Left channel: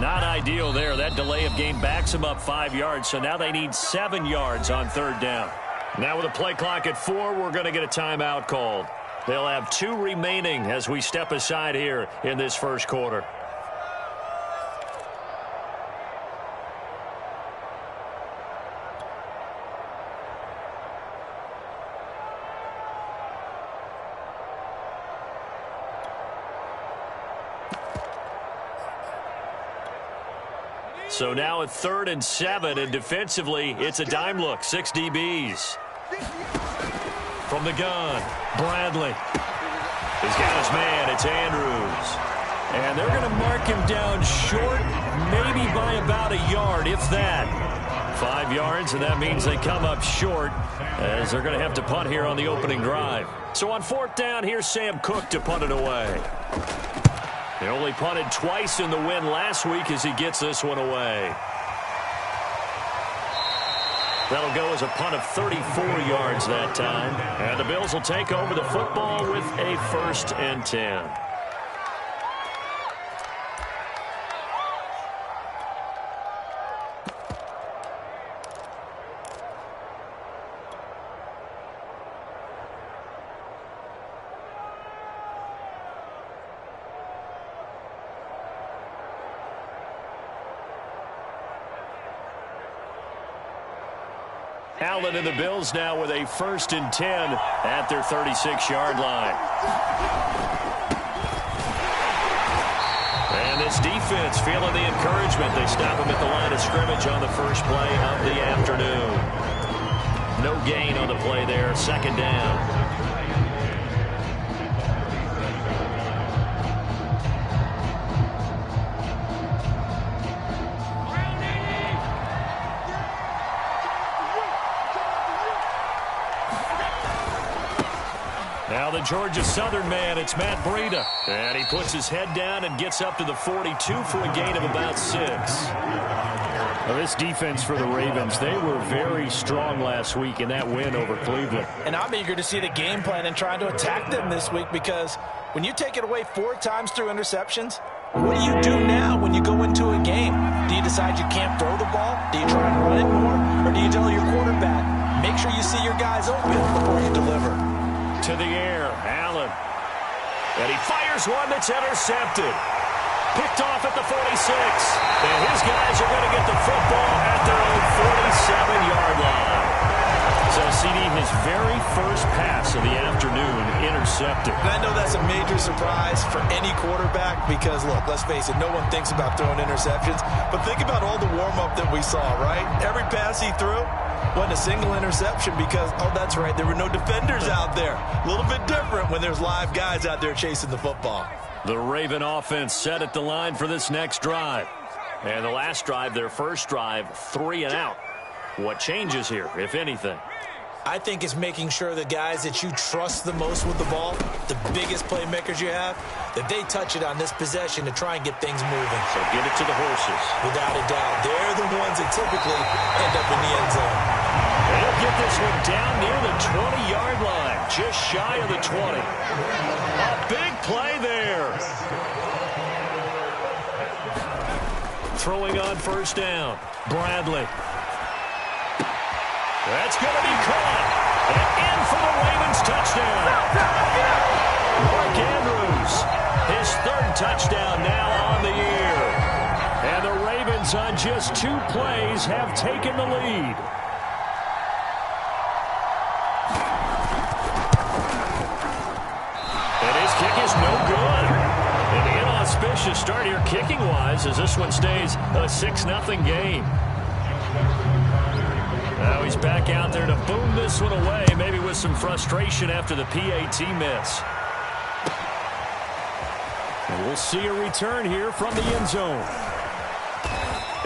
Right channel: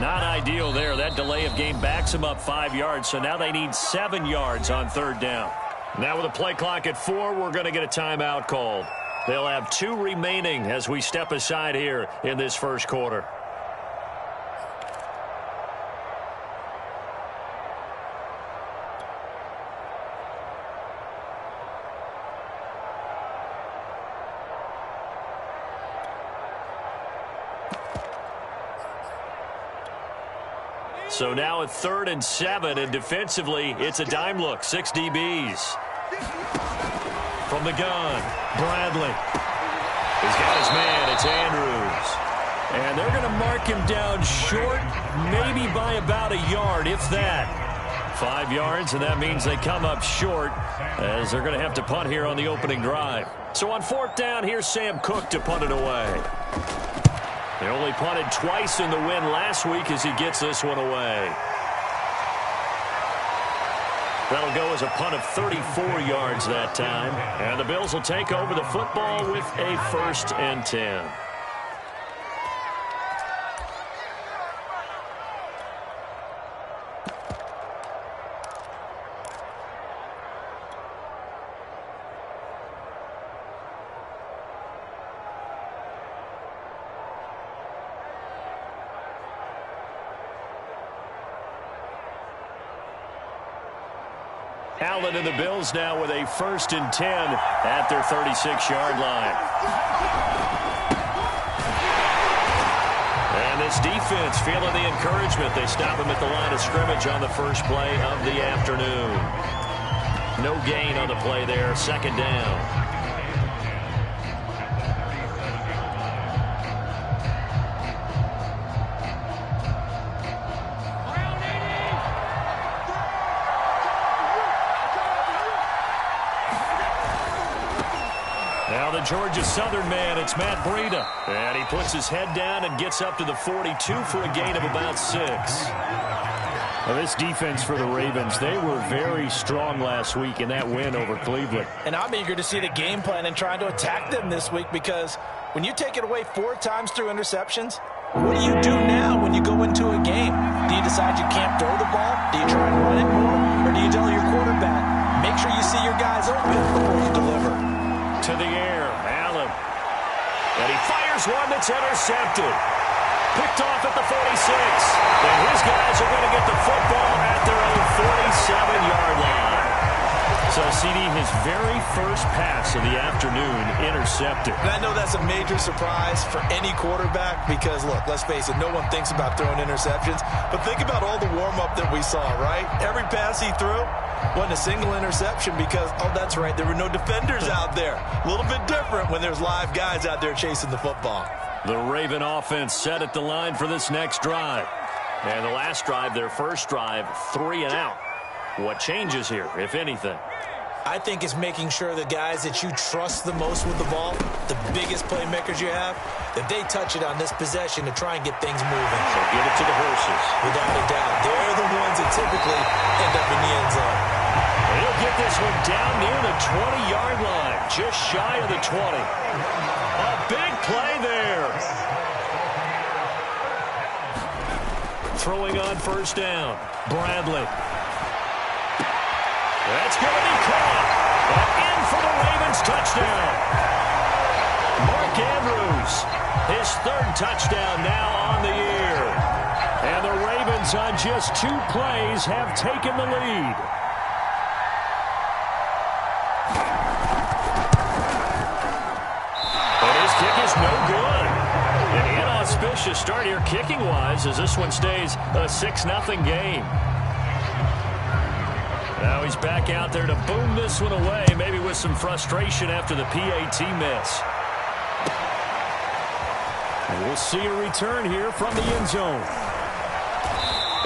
Not ideal there. That delay of game backs them up 5 yards, so now they need 7 yards on third down. Now with a play clock at 4, we're going to get a timeout called. They'll have 2 remaining as we step aside here in this first quarter. So now at 3rd and 7, and defensively, it's a dime look. 6 DBs. From the gun, Bradley. He's got his man. It's Andrews. And they're going to mark him down short, maybe by about a yard, if that. 5 yards, and that means they come up short as they're going to have to punt here on the opening drive. So on 4th down, here's Sam Cook to punt it away. They only punted twice in the win last week as he gets this one away. That'll go as a punt of 34 yards that time. And the Bills will take over the football with a 1st and 10. Allen and the Bills now with a 1st and 10 at their 36-yard line. And this defense feeling the encouragement. They stop him at the line of scrimmage on the first play of the afternoon. No gain on the play there. 2nd down. Now the Georgia Southern man, it's Matt Breida. And he puts his head down and gets up to the 42 for a gain of about 6. Well, this defense for the Ravens, they were very strong last week in that win over Cleveland. And I'm eager to see the game plan and trying to attack them this week, because when you take it away 4 times through interceptions, what do you do now when you go into a game? Do you decide you can't throw the ball? Do you try and run it more? Or do you tell your quarterback, make sure you see your guys open before you deliver? To the air, Allen. And he fires one that's intercepted. Picked off at the 46. And his guys are going to get the football at their own 47-yard line. So, CD, his very first pass of the afternoon intercepted. And I know that's a major surprise for any quarterback because, look, let's face it, no one thinks about throwing interceptions. But think about all the warm-up that we saw, right? Every pass he threw wasn't a single interception because, oh, that's right, there were no defenders out there. A little bit different when there's live guys out there chasing the football. The Raven offense set at the line for this next drive. And the last drive, their first drive, 3 and out. What changes here, if anything? I think it's making sure the guys that you trust the most with the ball, the biggest playmakers you have, that they touch it on this possession to try and get things moving. So give it to the horses. Without a doubt. They're the ones that typically end up in the end zone. He'll get this one down near the 20-yard line, just shy of the 20. A big play there. Throwing on 1st down, Bradley. That's going to be caught. And in for the Ravens touchdown. Mark Andrews, his 3rd touchdown now on the year. And the Ravens on just 2 plays have taken the lead. And his kick is no good. An inauspicious start here kicking-wise as this one stays a 6-0 game. Now he's back out there to boom this one away, maybe with some frustration after the PAT miss. And we'll see a return here from the end zone.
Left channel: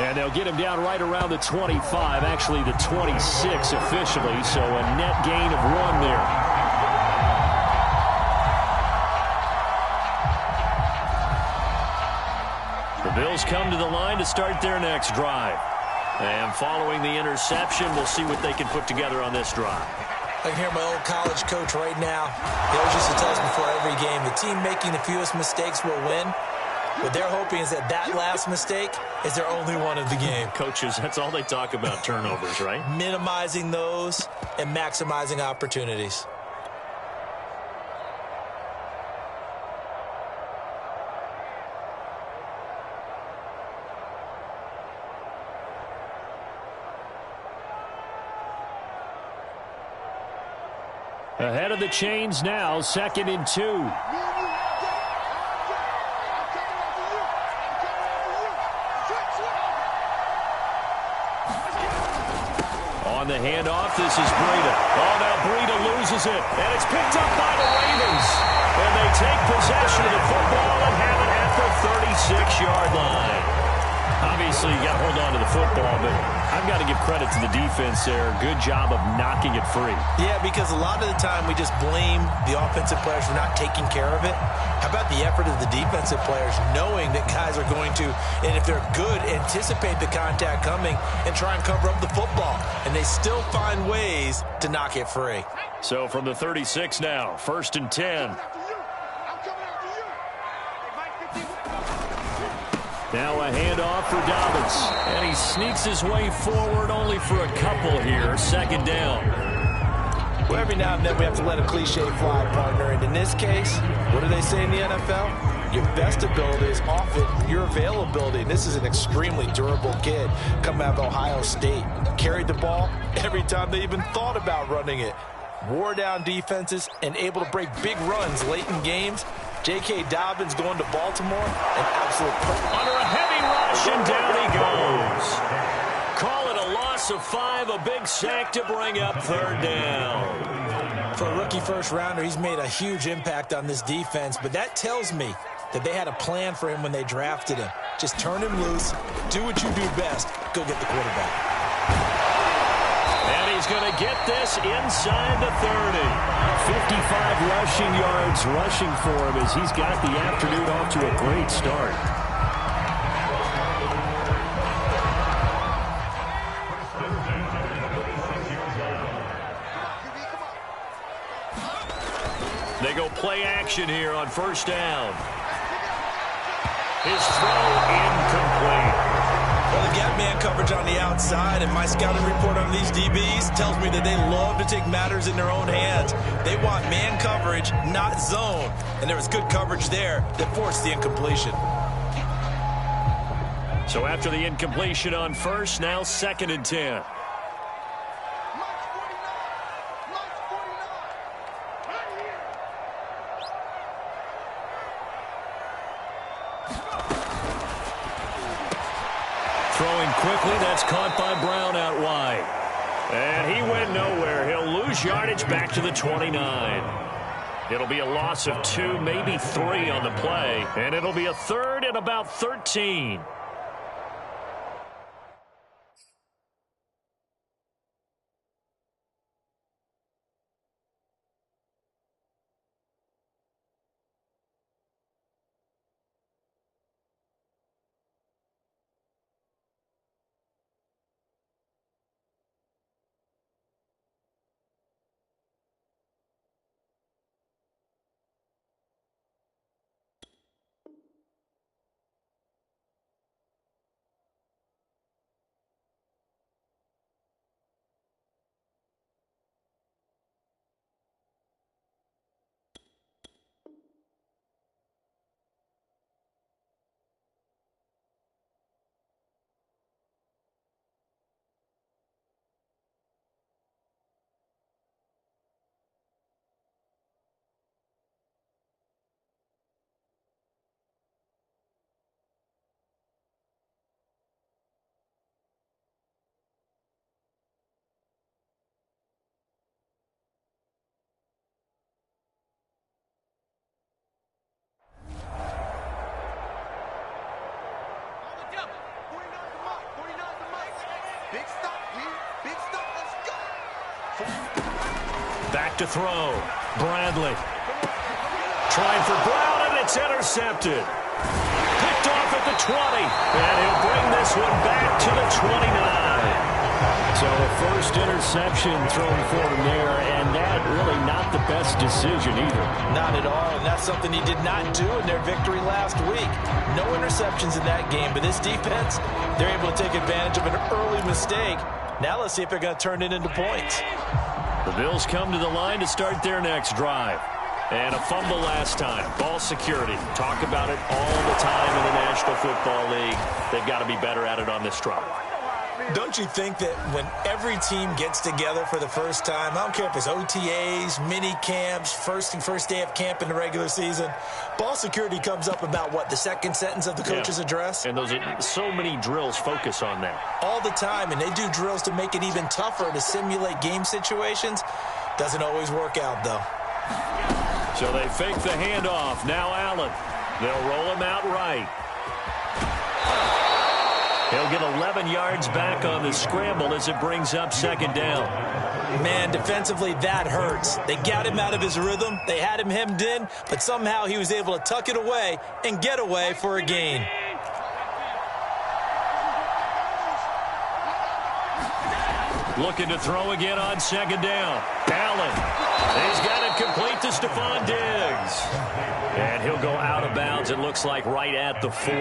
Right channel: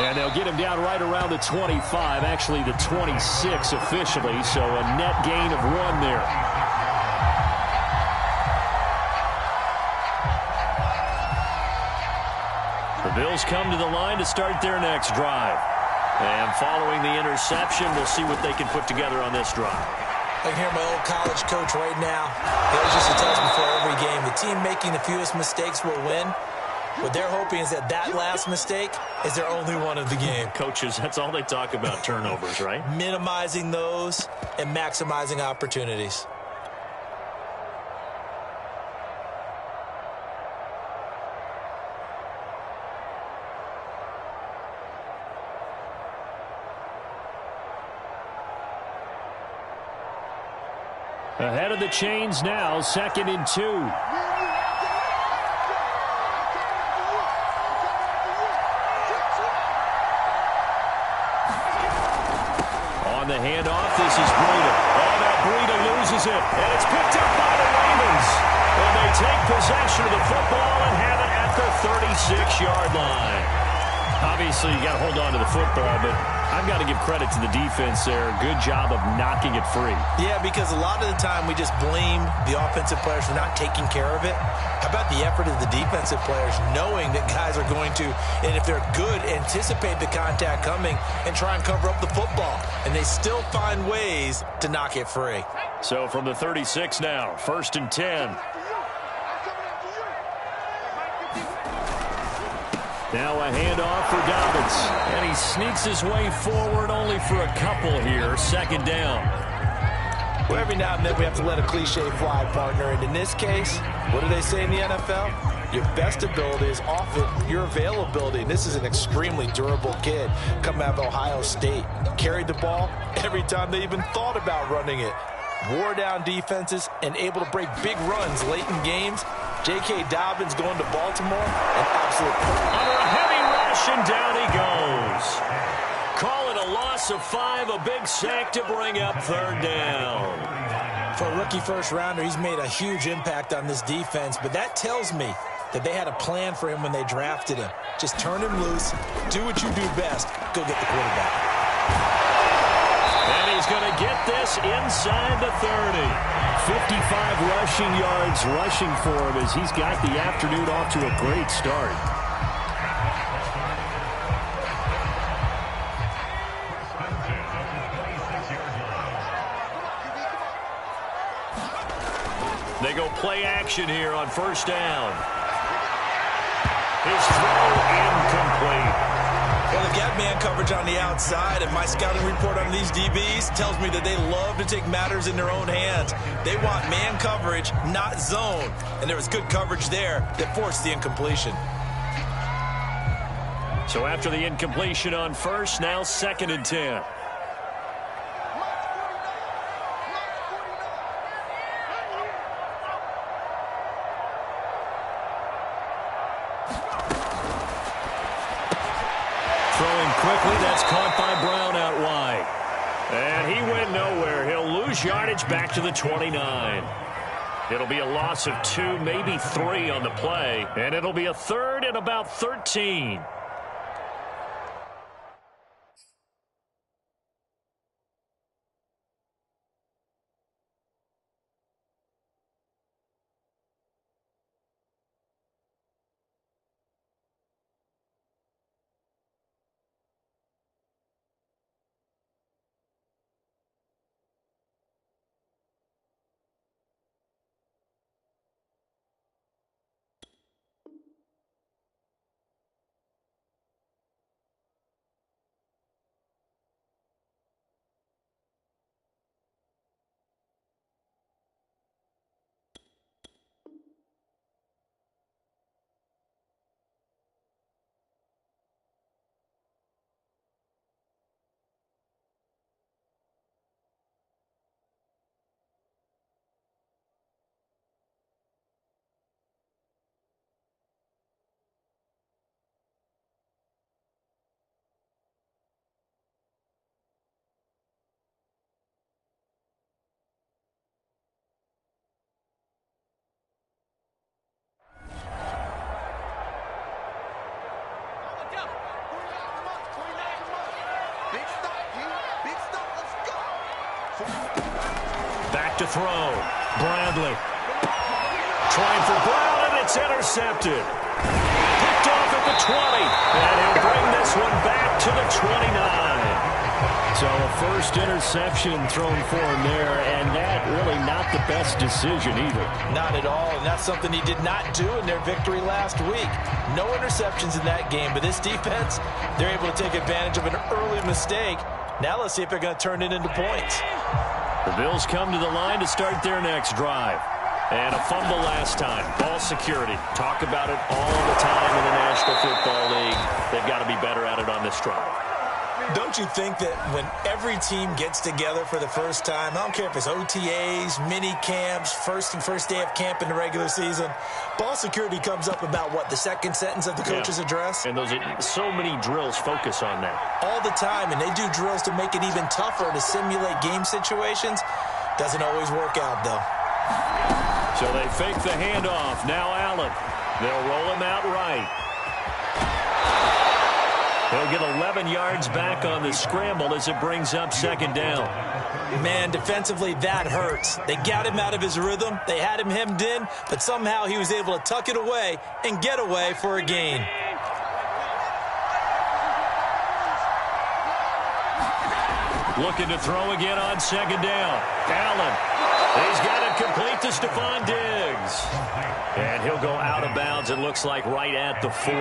And they'll get him down right around the 25, actually the 26 officially, so a net gain of 1 there. The Bills come to the line to start their next drive. And following the interception, we'll see what they can put together on this drive. I can hear my old college coach right now. He always used to tell us before every game, the team making the fewest mistakes will win. What they're hoping is that last mistake is their only one of the game. Coaches, that's all they talk about, turnovers, right? Minimizing those and maximizing opportunities. Ahead of the chains now, 2nd and 2. On the handoff, this is Breida. Oh, now Breida loses it, and it's picked up by the Ravens. And they take possession of the football and have it at the 36-yard line. Obviously, you got to hold on to the football, but I've got to give credit to the defense there. Good job of knocking it free. Yeah, because a lot of the time we just blame the offensive players for not taking care of it. How about the effort of the defensive players knowing that guys are going to, and if they're good, anticipate the contact coming and try and cover up the football. And they still find ways to knock it free. So from the 36 now, 1st and 10. Now a handoff for Dobbins. And he sneaks his way forward only for a couple here. 2nd down. Well, every now and then we have to let a cliche fly, partner. And in this case, what do they say in the NFL? Your best ability is often your availability. And this is an extremely durable kid coming out of Ohio State. Carried the ball every time they even thought about running it. Wore down defenses and able to break big runs late in games. J.K. Dobbins going to Baltimore, an absolute under a heavy rush, and down he goes. Call it a loss of 5, a big sack to bring up 3rd down. For a rookie first-rounder, he's made a huge impact on this defense, but that tells me that they had a plan for him when they drafted him. Just turn him loose, do what you do best, go get the quarterback. And he's going to get this inside the 30. 55 rushing yards rushing for him as he's got the afternoon off to a great start. They go play action here on 1st down. His throw incomplete. Well, they've got man coverage on the outside, and my scouting report on these DBs tells me that they love to take matters in their own hands. They want man coverage, not zone. And there was good coverage there that forced the incompletion. So after the incompletion on 1st, now 2nd and 10. Throwing quickly, that's caught by Brown out wide. And he went nowhere. He'll lose yardage back to the 29. It'll be a loss of 2, maybe 3 on the play. And it'll be a 3rd and about 13. Back to throw. Bradley. Trying for Brown, and it's intercepted. Picked off at the 20. And he'll bring this one back to the 29. So a first interception thrown for him there, and that really not the best decision either. Not at all, and that's something he did not do in their victory last week. No interceptions in that game, but this defense, they're able to take advantage of an early mistake. Now let's see if they're going to turn it into points. The Bills come to the line to start their next drive. And a fumble last time. Ball security. Talk about it all the time in the National Football League. They've got to be better at it on this drive. Don't you think that when every team gets together for the first time, I don't care if it's OTAs, mini camps, first day of camp in the regular season, ball security comes up about, what, the second sentence of the coach's address? And those are so many drills focus on that. All the time, and they do drills to make it even tougher to simulate game situations. Doesn't always work out, though. So they fake the handoff. Now Allen. They'll roll him out right. He'll get 11 yards back on the scramble as it brings up second down. Man, defensively, that hurts. They got him out of his rhythm. They had him hemmed in, but somehow he was able to tuck it away and get away for a gain. Looking to throw again on second down. Allen. He's got it complete to Stephon Diggs. And he'll go out of bounds, it looks like, right at the 40.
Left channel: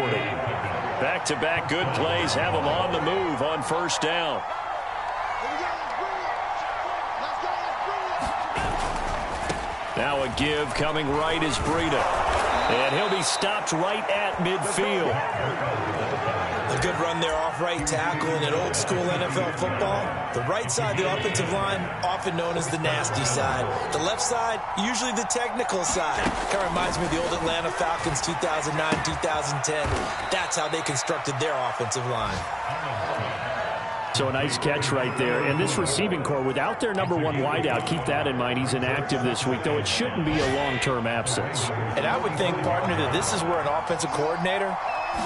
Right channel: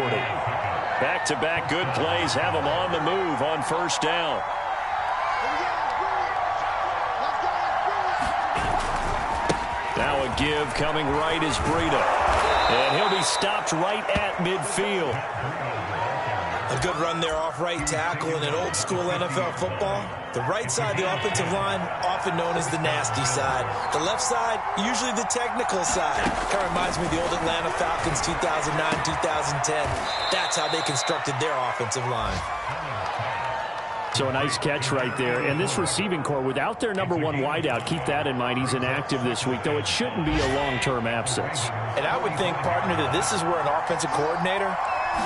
Back-to-back good plays have him on the move on first down. Now a give coming right is Breida. And he'll be stopped right at midfield. A good run there off right tackle in an old-school NFL football. The right side, the offensive line, often known as the nasty side. The left side, usually the technical side. Kind of reminds me of the old Atlanta Falcons 2009, 2010. That's how they constructed their offensive line. So a nice catch right there. And this receiving core, without their number one wideout, keep that in mind. He's inactive this week, though it shouldn't be a long-term absence. And I would think, partner, that this is where an offensive coordinator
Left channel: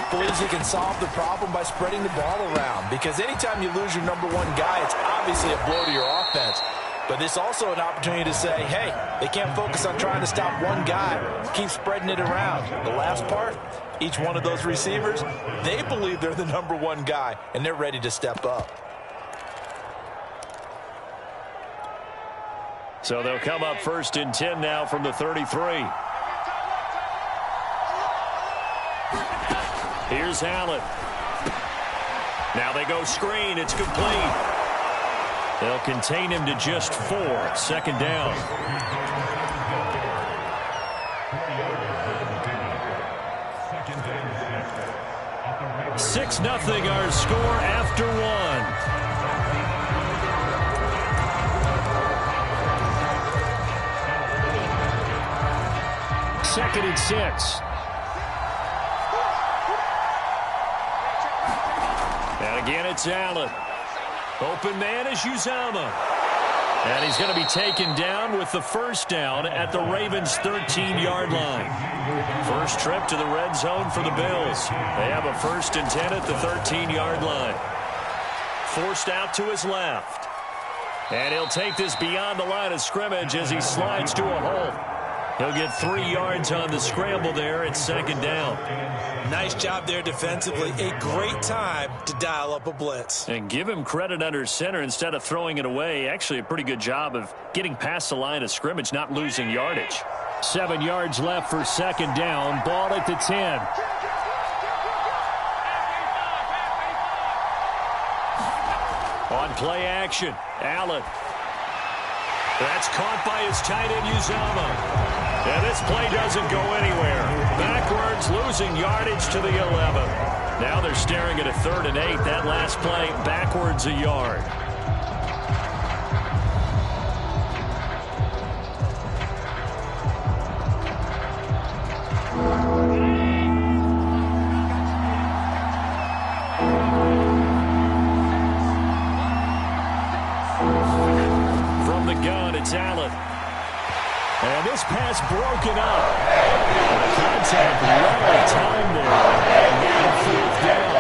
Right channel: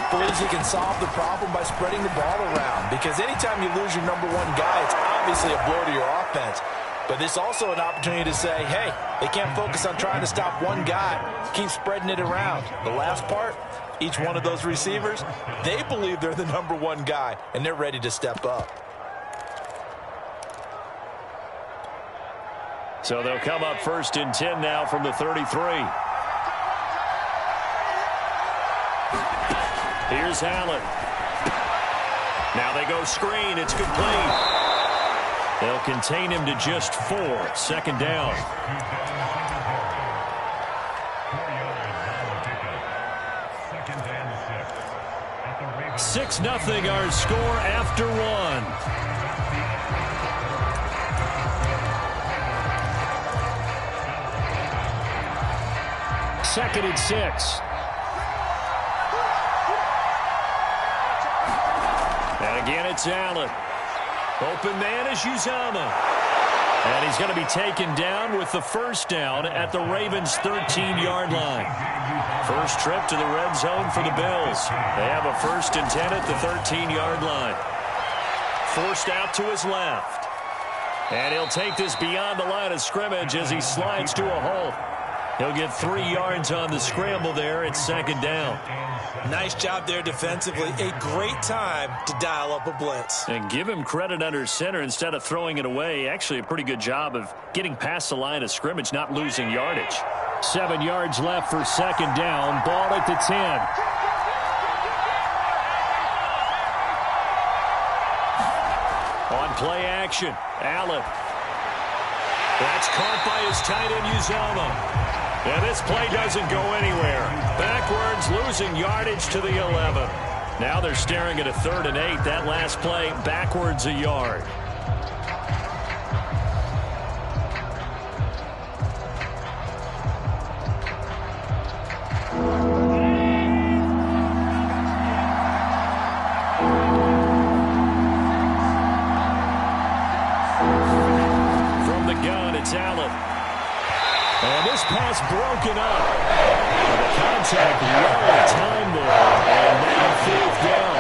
believes he can solve the problem by spreading the ball around. Because anytime you lose your number one guy, it's obviously a blow to your offense. But it's also an opportunity to say, hey, they can't focus on trying to stop one guy. Keep spreading it around. The last part, each one of those receivers, they believe they're the number one guy, and they're ready to step up. So they'll come up first and 10 now from the 33. Here's Allen. Now they go screen. It's complete. They'll contain him to just 4. Second down. Six 0 our score after 1. Second and 6. And again, it's Allen. Open man is Uzomah. And he's going to be taken down with the first down at the Ravens' 13-yard line. First trip to the red zone for the Bills. They have a first and 10 at the 13-yard line. Forced out to his left. And he'll take this beyond the line of scrimmage as he slides to a halt. He'll get 3 yards on the scramble there at second down. Nice job there defensively. A great time to dial up a blitz. And give him credit under center instead of throwing it away. Actually a pretty good job of getting past the line of scrimmage, not losing yardage. 7 yards left for second down. Ball at the 10. On play action, Allen. That's caught by his tight end, Uzomah. And this play doesn't go anywhere. Backwards, losing yardage to the 11. Now they're staring at a 3rd and 8. That last play, backwards a yard. From the gun, it's Allen. And this pass broken up. And the contact well timed there. And now 4th down.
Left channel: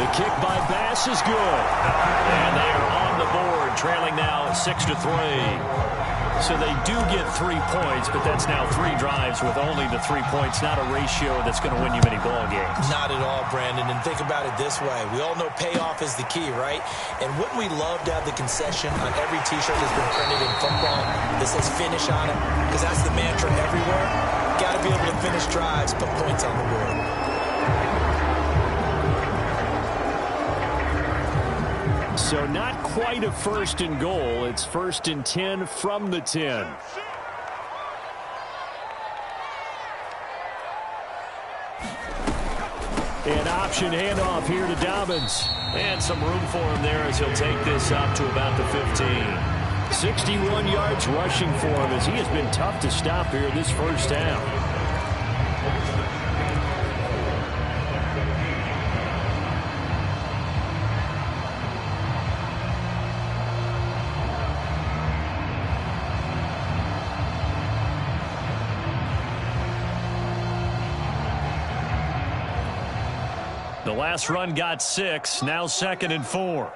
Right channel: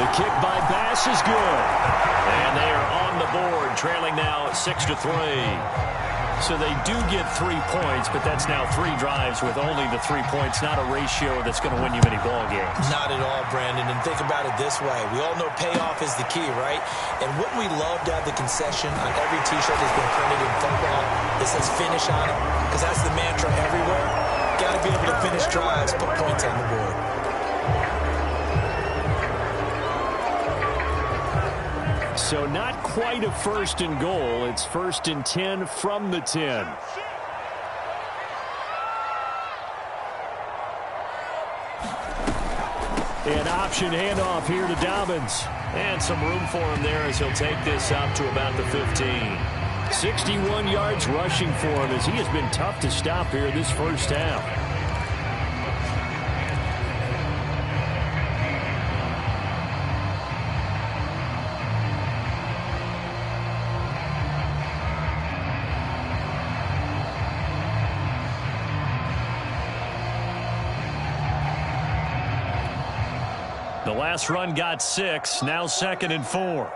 The kick by Bass is good. And they are on the board, trailing now 6-3. So they do get 3 points, but that's now 3 drives with only the 3 points, not a ratio that's going to win you many ball games. Not at all, Brandon. And think about it this way. We all know payoff is the key, right? And wouldn't we love to have the concession on every T-shirt that's been printed in football that says finish on it? Because that's the mantra everywhere. Got to be able to finish drives, put points on the board. So not quite a 1st and goal. It's 1st and 10 from the 10. An option handoff here to Dobbins. And some room for him there as he'll take this up to about the 15. 61 yards rushing for him as he has been tough to stop here this first half. The last run got 6, now 2nd and 4.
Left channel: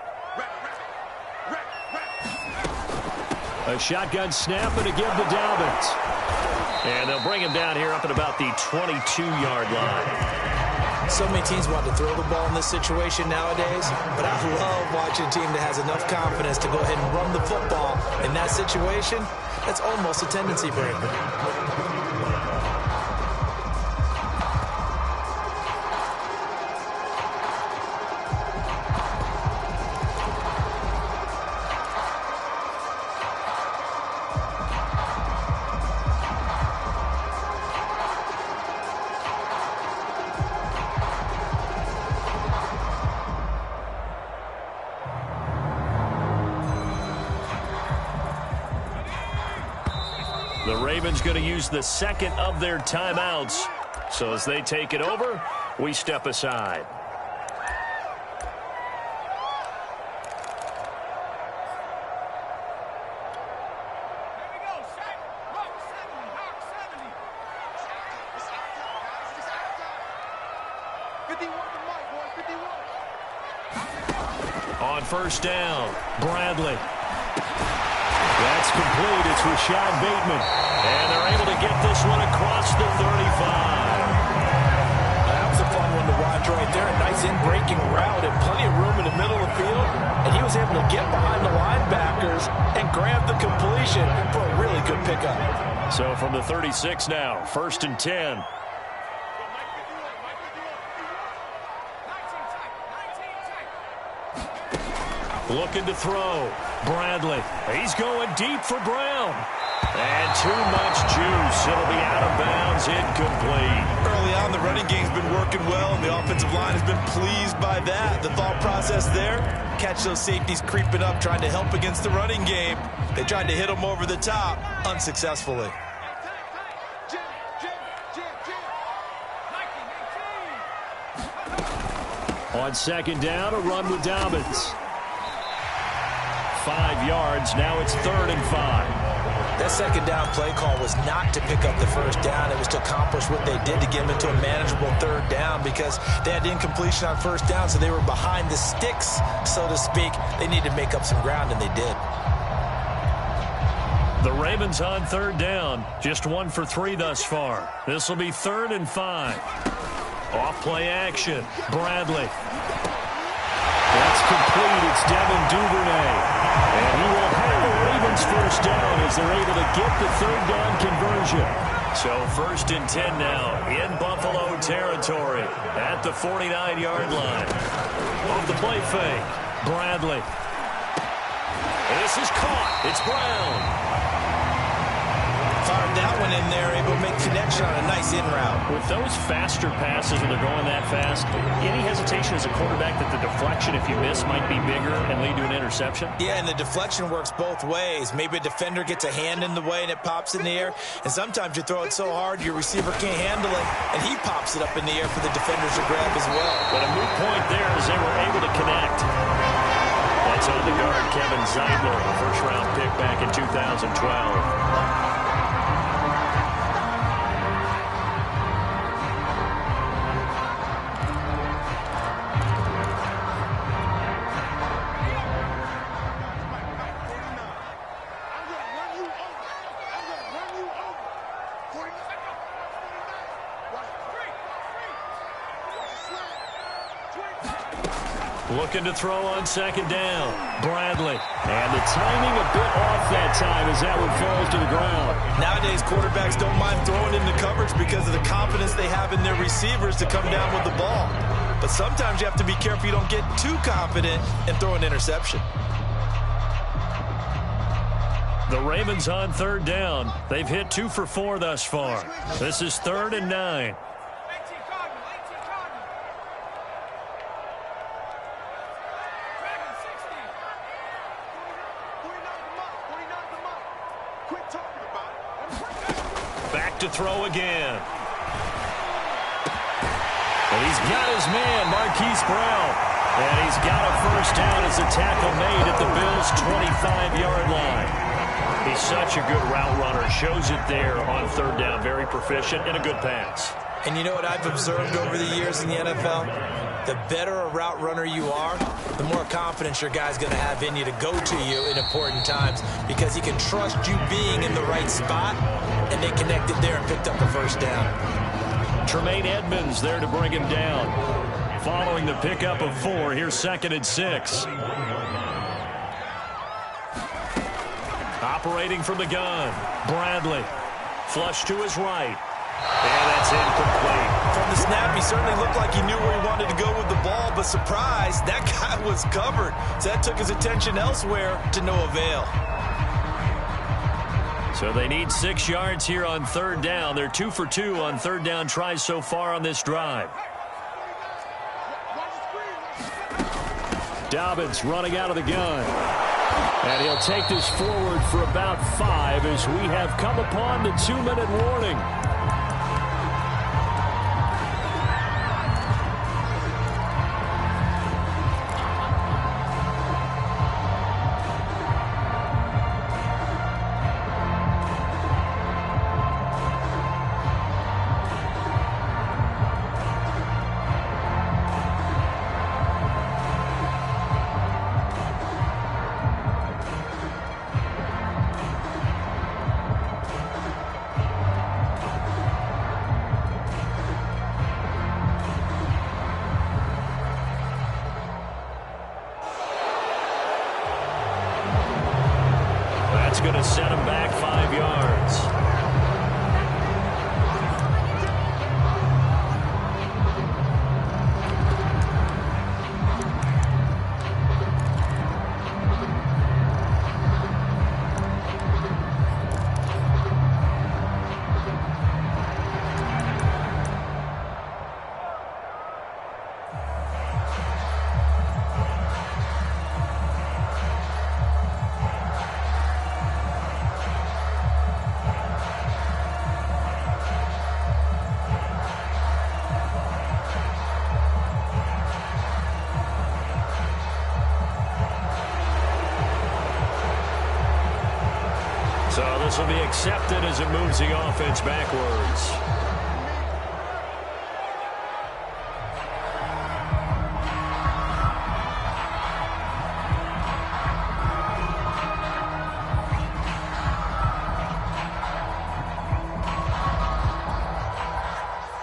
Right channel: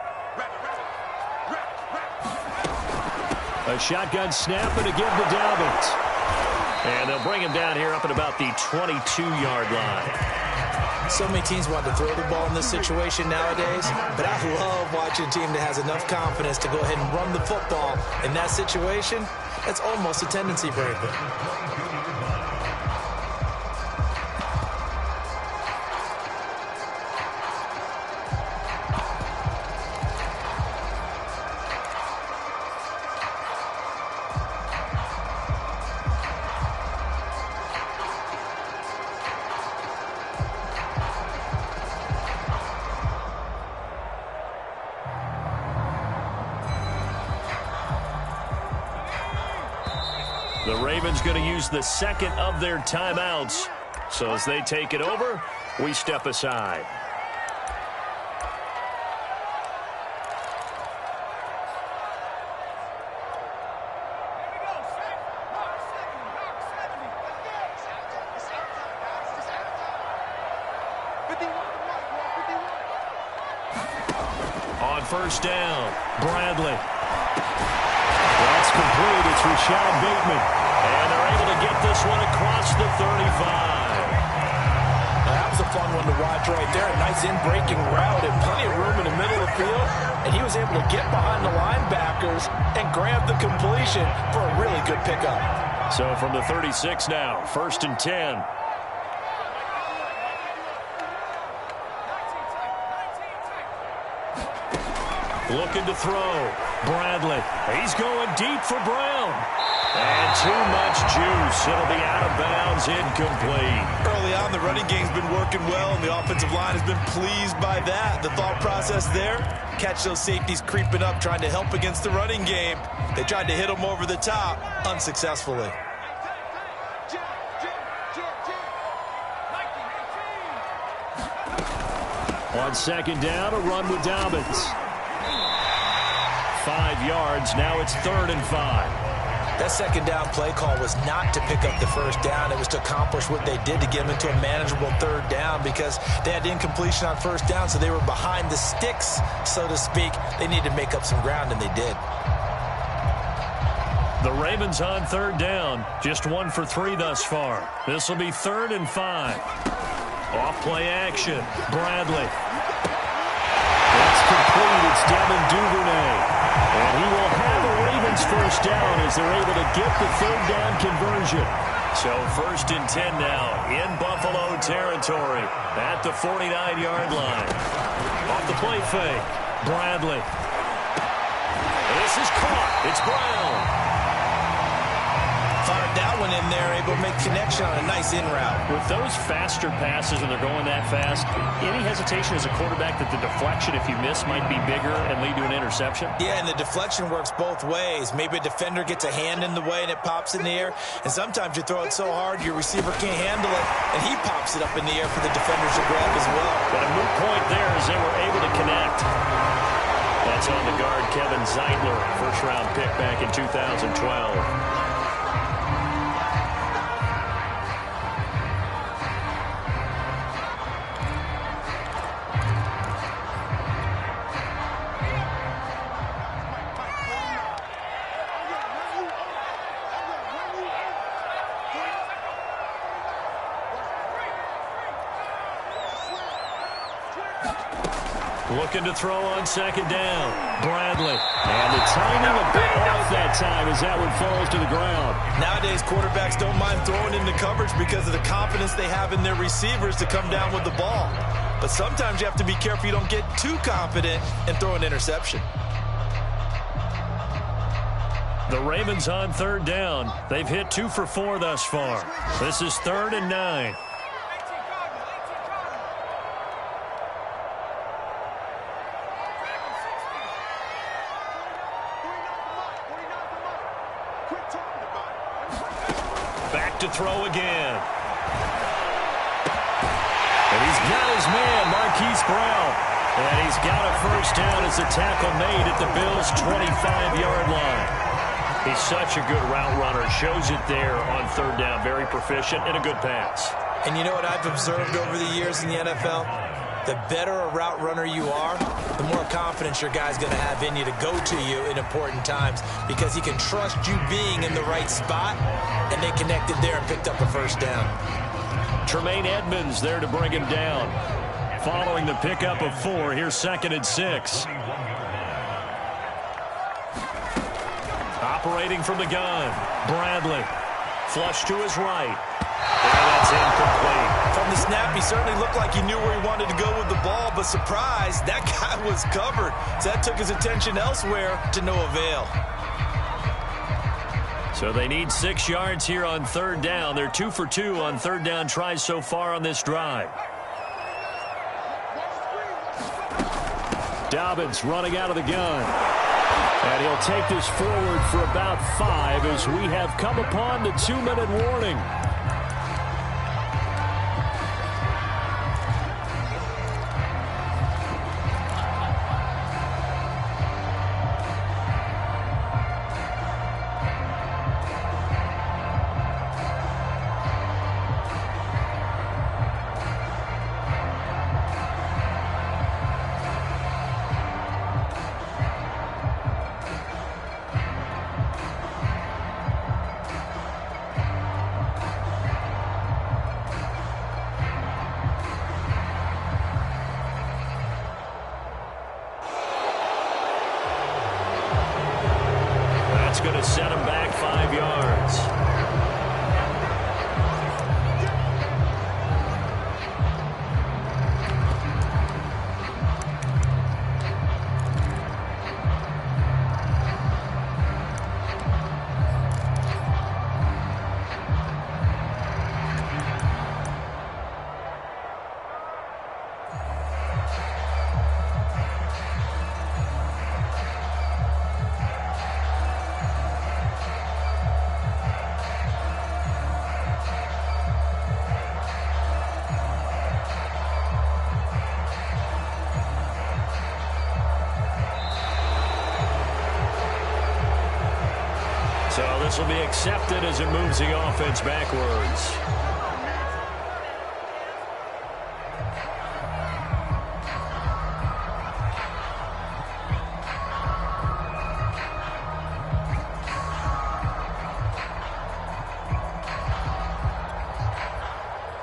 A shotgun snap and a give to Dobbins. And they'll bring him down here up at about the 22-yard line. So many teams want to throw the ball in this situation nowadays, but I love watching a team that has enough confidence to go ahead and run the football in that situation. That's almost a tendency breaker. The Ravens going to use the 2nd of their timeouts. So as they take it over, we step aside. On 1st down, Bradley. That's complete. It's Rashad Bateman. And they're able to get this one across the 35. Now, that was a fun one to watch right there. A nice in-breaking route and plenty of room in the middle of the field. And he was able to get behind the linebackers and grab the completion for a really good pickup. So from the 36 now, 1st and 10. Looking to throw. Bradley. He's going deep for Brown. And too much juice. It'll be out of bounds, incomplete. Early on, the running game's been working well, and the offensive line has been pleased by that. The thought process there, catch those safeties creeping up, trying to help against the running game. They tried to hit them over the top, unsuccessfully. On 2nd down, a run with Dobbins. 5 yards. Now it's 3rd and 5. That 2nd down play call was not to pick up the 1st down. It was to accomplish what they did to get them into a manageable 3rd down because they had incompletion on 1st down, so they were behind the sticks, so to speak. They needed to make up some ground, and they did. The Ravens on 3rd down. Just 1 for 3 thus far. This will be 3rd and 5. Off-play action. Bradley. That's complete. It's Devin Duvernay. And he will have a Ravens 1st down as they're able to get the 3rd down conversion. So 1st and 10 now in Buffalo territory at the 49-yard line. Off the play fake. Bradley. And this is caught. It's Brown. Fired that one in there, able to make connection on a nice in route. With those faster passes when they're going that fast, any hesitation as a quarterback that the deflection, if you miss, might be bigger and lead to an interception? Yeah, and the deflection works both ways. Maybe a defender gets a hand in the way and it pops in the air, and sometimes you throw it so hard your receiver can't handle it, and he pops it up in the air for the defenders to grab as well. But a moot point there as they were able to connect. That's on the guard, Kevin Zeitler, first-round pick back in 2012. Looking to throw on second down. Bradley. And the timing a bit off that time as that one falls to the ground. Nowadays, quarterbacks don't mind throwing into coverage because of the confidence they have in their receivers to come down with the ball. But sometimes you have to be careful you don't get too confident and throw an interception. The Ravens on third down. They've hit 2 for 4 thus far. This is 3rd and 9. Back to throw again. And he's got his man, Marquise Brown. And he's got a first down as a tackle made at the Bills' 25-yard line. He's such a good route runner. Shows it there on third down. Very proficient and a good pass. And you know what I've observed over the years in the NFL? The better a route runner you are, the more confidence your guy's going to have in you to go to you in important times because he can trust you being in the right spot, and they connected there and picked up a first down. Tremaine Edmonds there to bring him down. Following the pickup of 4, here's 2nd and 6. Operating from the gun, Bradley. Flush to his right. And that's incomplete. From the snap, he certainly looked like he knew where he wanted to go with the ball, but surprise, that guy was covered. So that took his attention elsewhere to no avail. So they need 6 yards here on third down. They're 2 for 2 on third down tries so far on this drive. Dobbins running out of the gun. And he'll take this forward for about 5 as we have come upon the 2-minute warning. That's going to set him back 5 yards. So this will be accepted as it moves the offense backwards.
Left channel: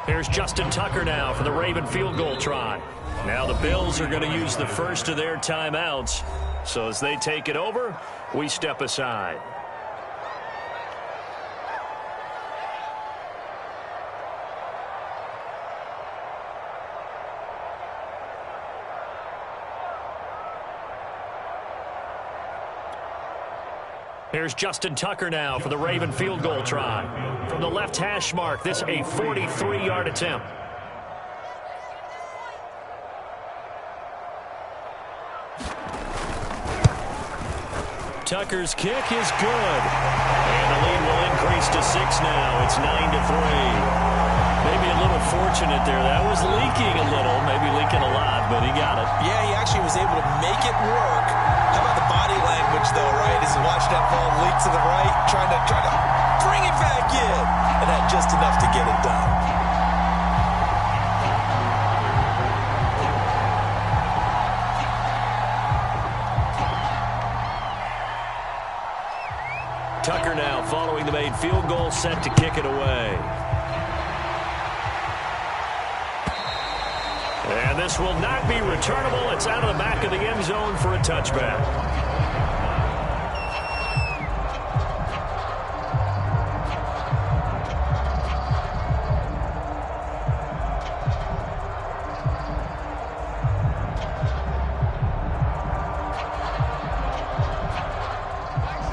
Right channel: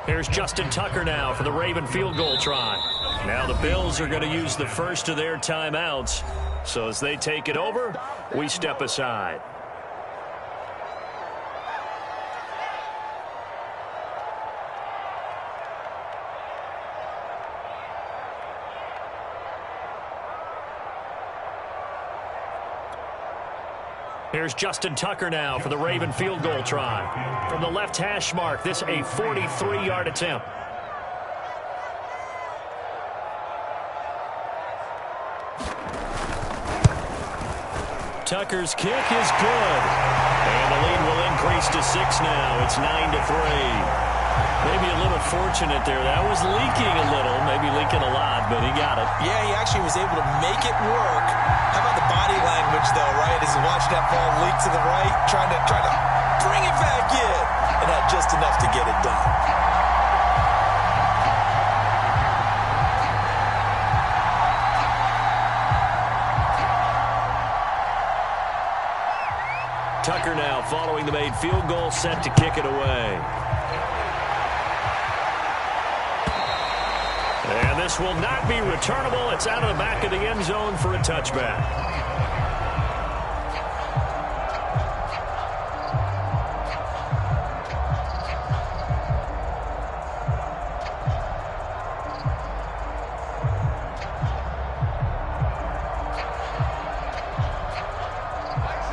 Here's Justin Tucker now for the Raven field goal try. Now the Bills are going to use the first of their timeouts. So as they take it over, we step aside. Here's Justin Tucker now for the Raven field goal try. From the left hash mark, this a 43-yard attempt. Tucker's kick is good. And the lead will increase to 6 now. It's 9-3. Maybe a little fortunate there. That was leaking a little, maybe leaking a lot, but he got it. Yeah, he actually was able to make it work. How about the body language, though, right? As he watched that ball leak to the right, trying to bring it back in, and had just enough to get it done. Tucker now following the made field goal, set to kick it away. And this will not be returnable. It's out of the back of the end zone for a touchback.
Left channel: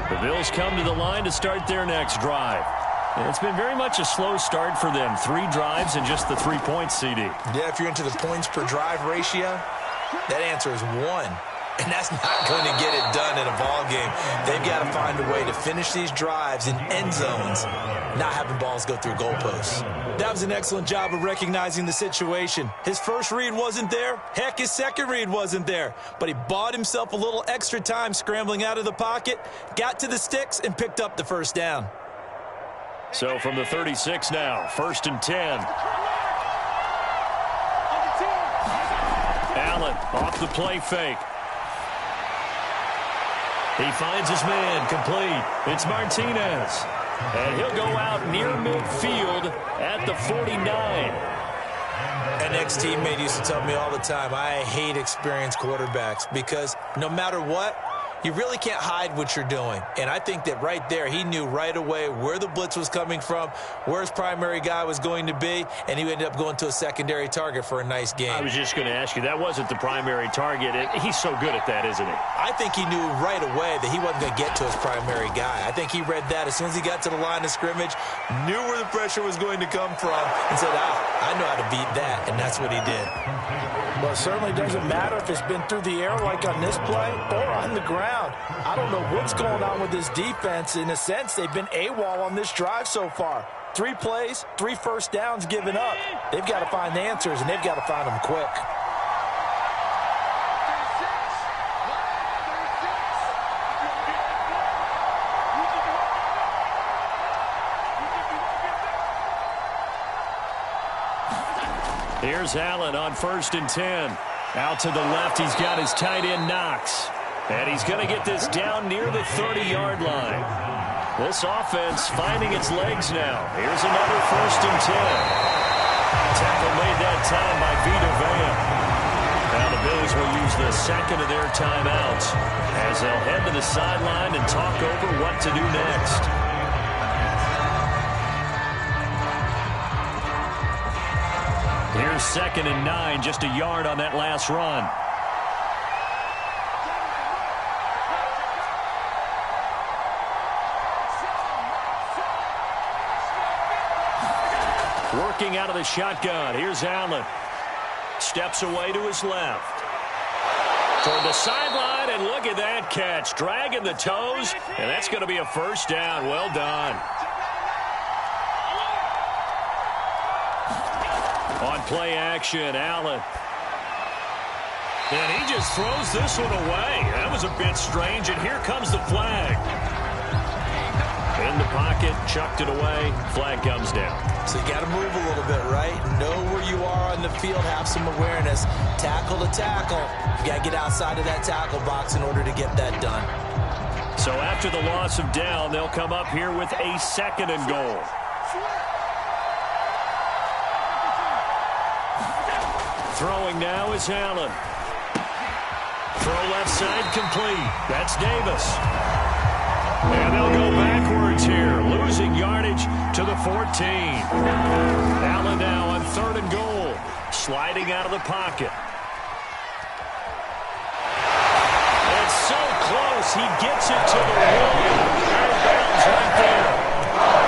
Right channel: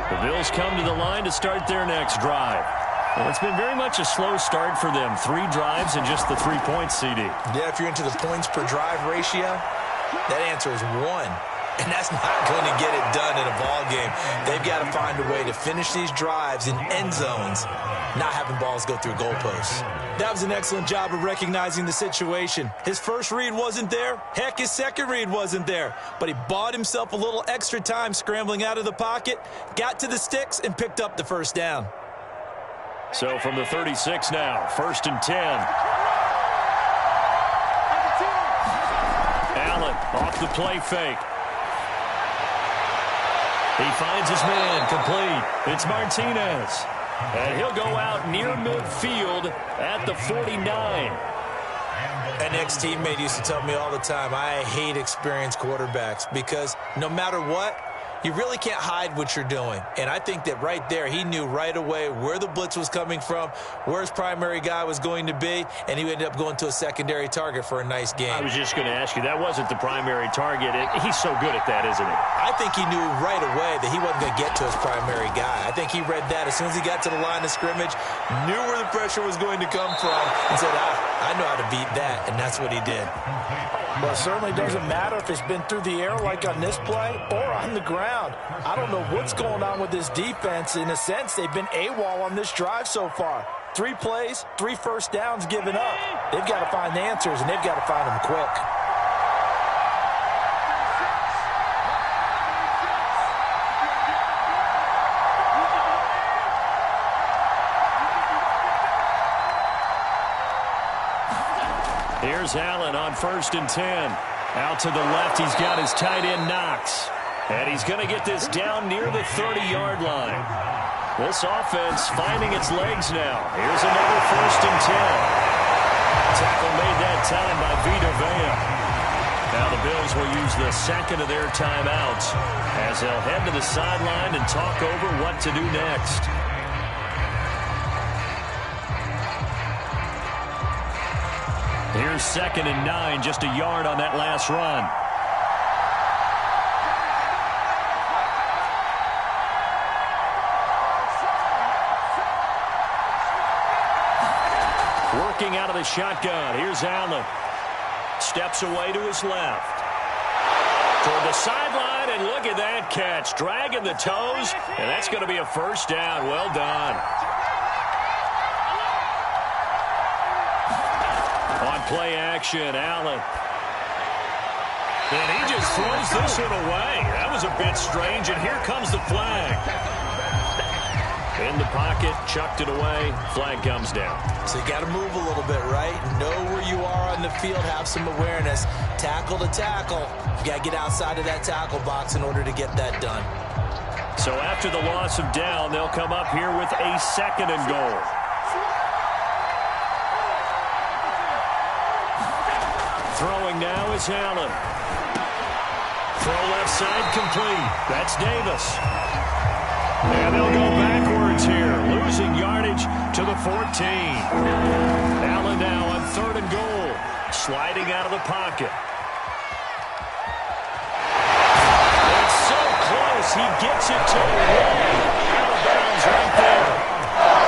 The Bills come to the line to start their next drive. And it's been very much a slow start for them. 3 drives and just the 3 points, CD. Yeah, if you're into the points per drive ratio, that answer is 1. And that's not going to get it done in a ball game. They've got to find a way to finish these drives in end zones, not having balls go through goalposts. That was an excellent job of recognizing the situation. His first read wasn't there. Heck, his second read wasn't there. But he bought himself a little extra time scrambling out of the pocket, got to the sticks, and picked up the first down. So from the 36 now, 1st and 10. Allen off the play fake. He finds his man, complete. It's Martinez. And he'll go out near midfield at the 49. An ex-teammate used to tell me all the time, I hate experienced quarterbacks because no matter what, you really can't hide what you're doing. And I think that right there, he knew right away where the blitz was coming from, where his primary guy was going to be, and he ended up going to a secondary target for a nice game. I was just going to ask you, that wasn't the primary target. He's so good at that, isn't he? I think he knew right away that he wasn't going to get to his primary guy. I think he read that as soon as he got to the line of scrimmage, knew where the pressure was going to come from, and said, I know how to beat that, and that's what he did. Well, it certainly doesn't matter if it's been through the air like on this play or on the ground. I don't know what's going on with this defense. In a sense, they've been AWOL on this drive so far. 3 plays, 3 first downs given up. They've got to find answers, and they've got to find them quick. Here's Allen on 1st and 10. Out to the left, he's got his tight end Knox. And he's going to get this down near the 30-yard line. This offense finding its legs now. Here's another 1st and 10. Tackle made that time by Vita Vea. Now the Bills will use the second of their timeouts as they'll head to the sideline and talk over what to do next. Here's 2nd and 9, just a yard on that last run. Working out of the shotgun. Here's Allen. Steps away to his left. Toward the sideline, and look at that catch. Dragging the toes, and that's going to be a first down. Well done. On play action, Allen. And he just throws this one away. That was a bit strange, and here comes the flag. In the pocket, chucked it away. Flag comes down. So you got to move a little bit, right? Know where you are on the field. Have some awareness. Tackle to tackle. You got to get outside of that tackle box in order to get that done. So after the loss of down, they'll come up here with a 2nd and goal. Throwing now is Allen. Throw left side complete. That's Davis. And they'll go backwards here, losing yardage to the 14. Allen now on 3rd and goal, sliding out of the pocket. It's so close, he gets it to the 1. Out of bounds right there.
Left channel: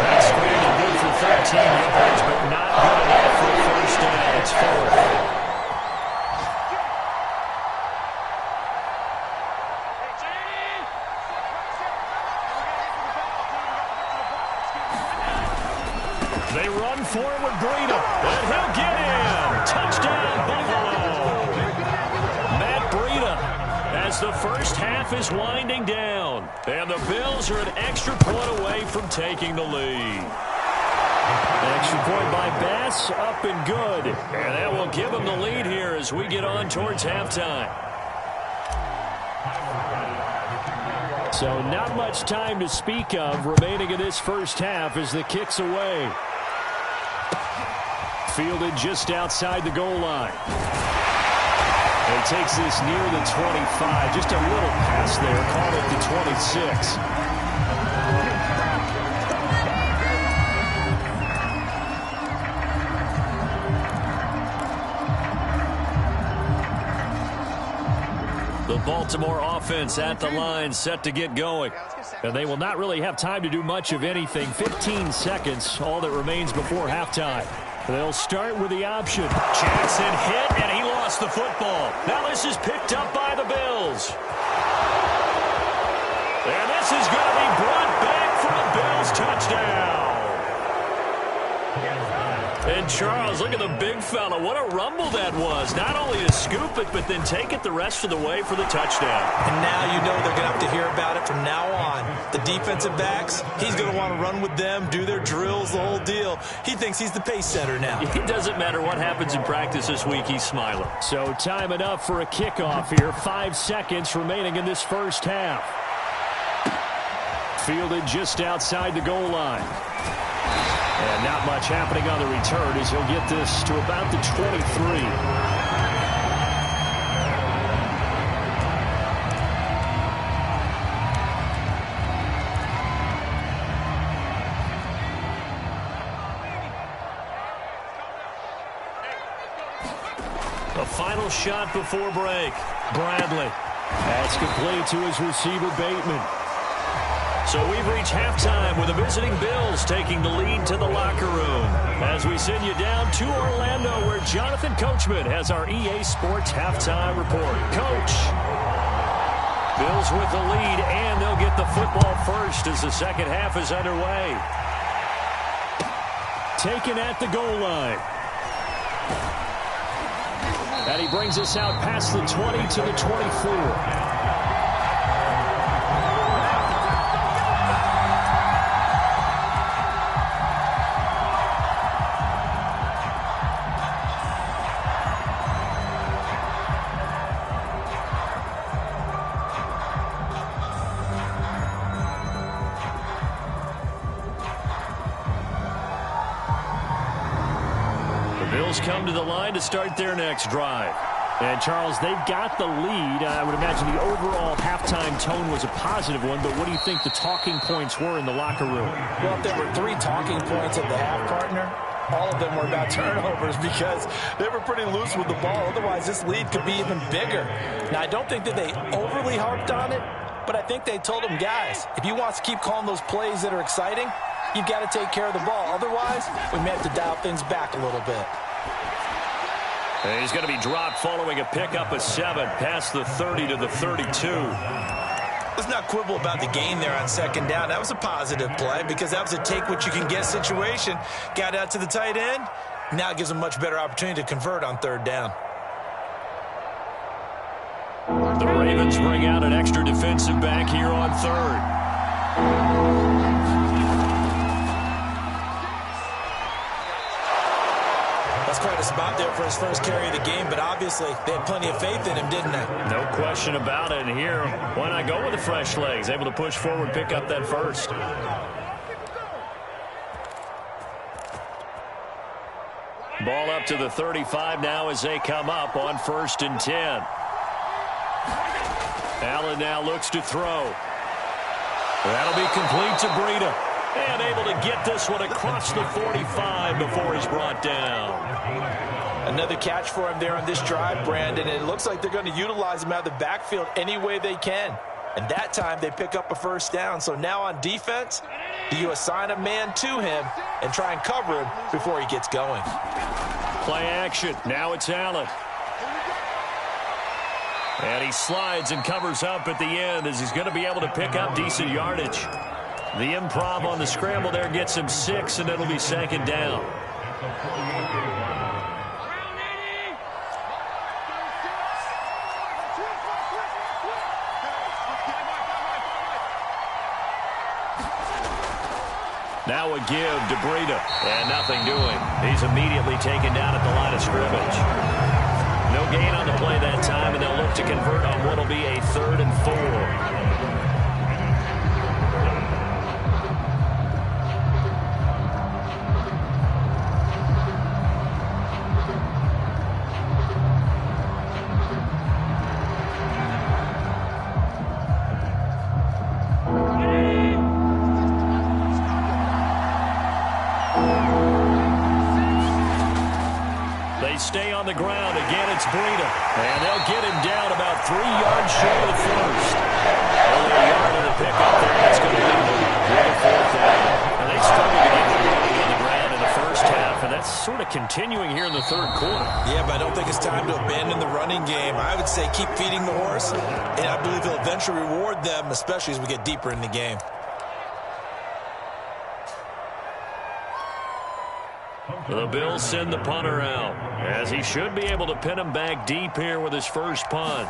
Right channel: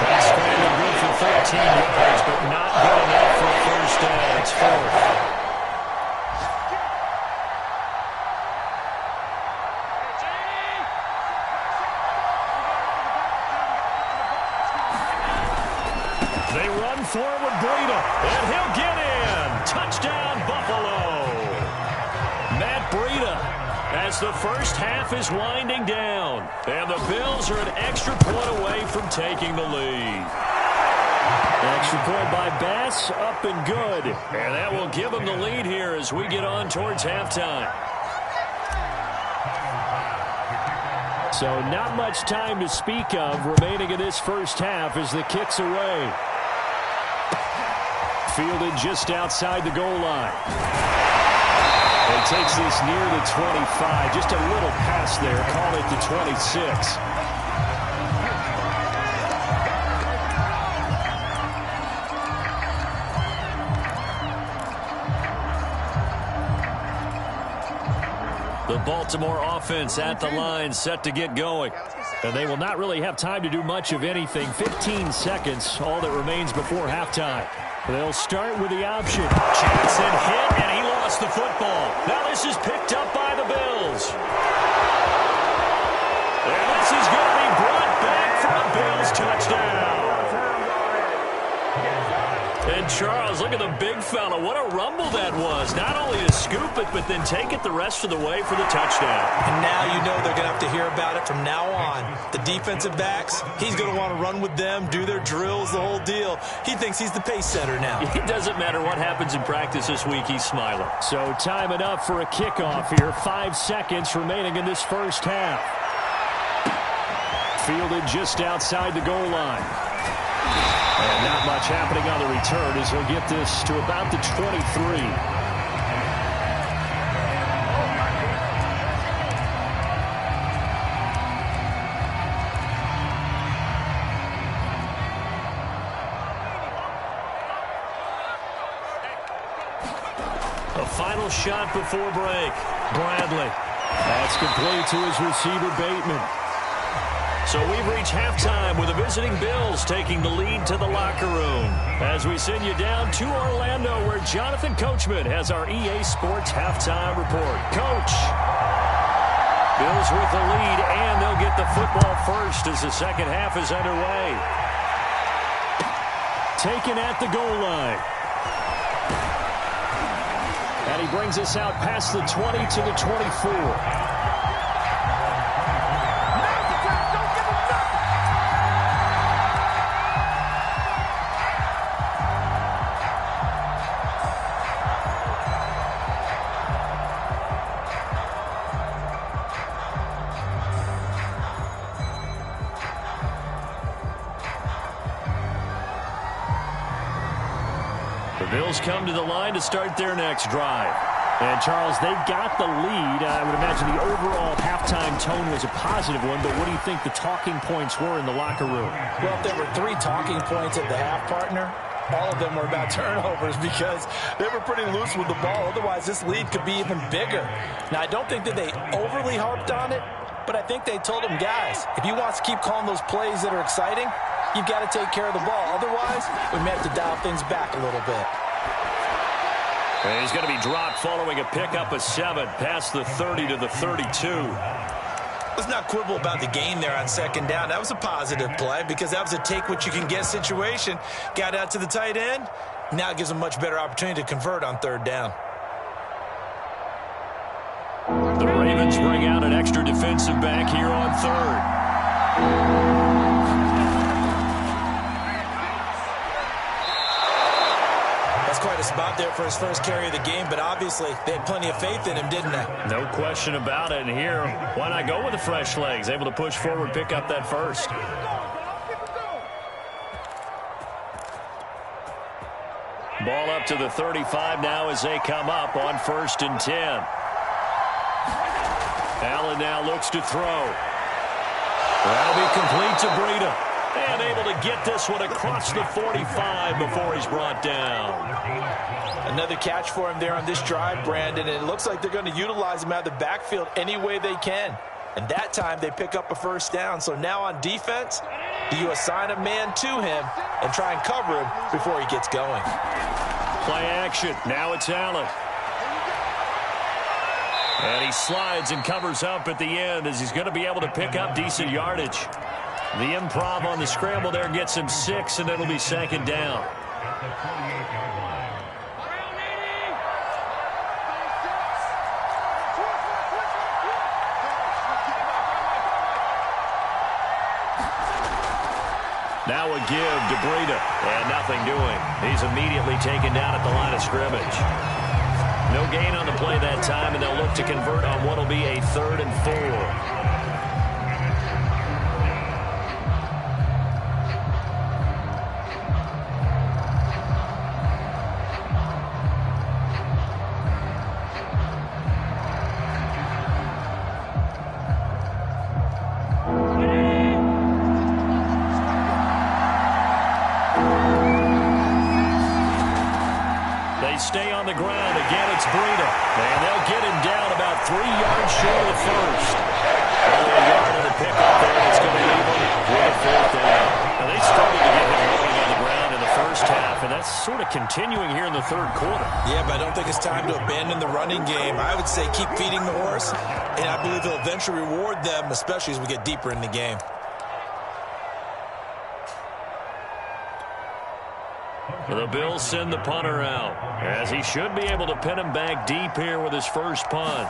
That scramble good for 13 yards, but not good enough for a first down. It's 4th. They run forward, Breida, and he'll get in. Touchdown, Buffalo. Matt Breida, as the first half is winding down, and the Bills are an extra point away from taking the lead. Extra point by Bass, up and good. And that will give them the lead here as we get on towards halftime. So not much time to speak of remaining in this first half as the kick's away. Fielded just outside the goal line. He takes this near the 25, just a little pass there, call it the 26. The Baltimore offense at the line, set to get going. And they will not really have time to do much of anything. 15 seconds, all that remains before halftime. They'll start with the option. Jackson hit, and he lost the football. Now this is picked up by the Bills. And this is going to be brought back for a Bills touchdown. And Charles, look at the big fella. What a rumble that was. Not only to scoop it, but then take it the rest of the way for the touchdown. And now you know they're going to have to hear about it from now on. The defensive backs, he's going to want to run with them, do their drills, the whole deal. He thinks he's the pace setter now. It doesn't matter what happens in practice this week, he's smiling. So time enough for a kickoff here. 5 seconds remaining in this first half. Fielded just outside the goal line. And not much happening on the return as he'll get this to about the 23. A final shot before break. Bradley. That's complete to his receiver, Bateman. So we've reached halftime with the visiting Bills taking the lead to the locker room. As we send you down to Orlando, where Jonathan Coachman has our EA Sports halftime report. Coach. Bills with the lead, and they'll get the football first as the second half is underway. Taken at the goal line. And he brings us out past the 20 to the 24. Bills come to the line to start their next drive. And, Charles, they've got the lead. I would imagine the overall halftime tone was a positive one, but what do you think the talking points were in the locker room? Well, if there were 3 talking points at the half, partner, all of them were about turnovers because they were pretty loose with the ball. Otherwise, this lead could be even bigger. Now, I don't think that they overly harped on it, but I think they told them, guys, if you want to keep calling those plays that are exciting, you've got to take care of the ball. Otherwise, we may have to dial things back a little bit. And he's going to be dropped following a pickup of 7 past the 30 to the 32. Let's not quibble about the gain there on second down. That was a positive play because that was a take-what-you-can-get situation. Got out to the tight end. Now it gives them a much better opportunity to convert on third down. The Ravens bring out an extra defensive back here on third. That's quite a spot there for his first carry of the game, but obviously they had plenty of faith in him, didn't they? No question about it. And here, why not go with the fresh legs? Able to push forward, pick up that first. Ball up to the 35 now as they come up on 1st and 10. Allen now looks to throw. That'll be complete to Breida. And able to get this one across the 45 before he's brought down. Another catch for him there on this drive, Brandon. And it looks like they're going to utilize him out of the backfield any way they can. And that time they pick up a first down. So now on defense, do you assign a man to him and try and cover him before he gets going? Play action. Now it's Allen. And he slides and covers up at the end as he's going to be able to pick up decent yardage. The improv on the scramble there gets him 6, and it'll be second down. Now a give to Breida, and nothing doing. He's immediately taken down at the line of scrimmage. No gain on the play that time, and they'll look to convert on what will be a 3rd and 4. stay on the ground. Again, it's Breida. And they'll get him down about 3 yards short of the first. Only a yard of the pickup there, and it's going to leave them with a 4th down. Now, they struggled to get him rolling on the ground in the first half, and that's sort of continuing here in the third quarter. Yeah, but I don't think it's time to abandon the running game. I would say keep feeding the horse, and I believe he'll eventually reward them, especially as we get deeper in the game. The Bills send the punter out, as he should be able to pin him back deep here with his first punt.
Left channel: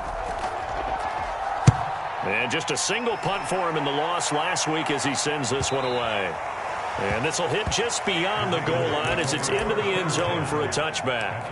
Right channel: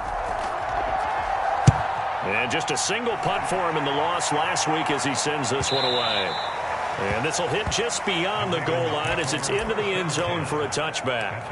And just a single punt for him in the loss last week as he sends this one away. And this will hit just beyond the goal line as it's into the end zone for a touchback.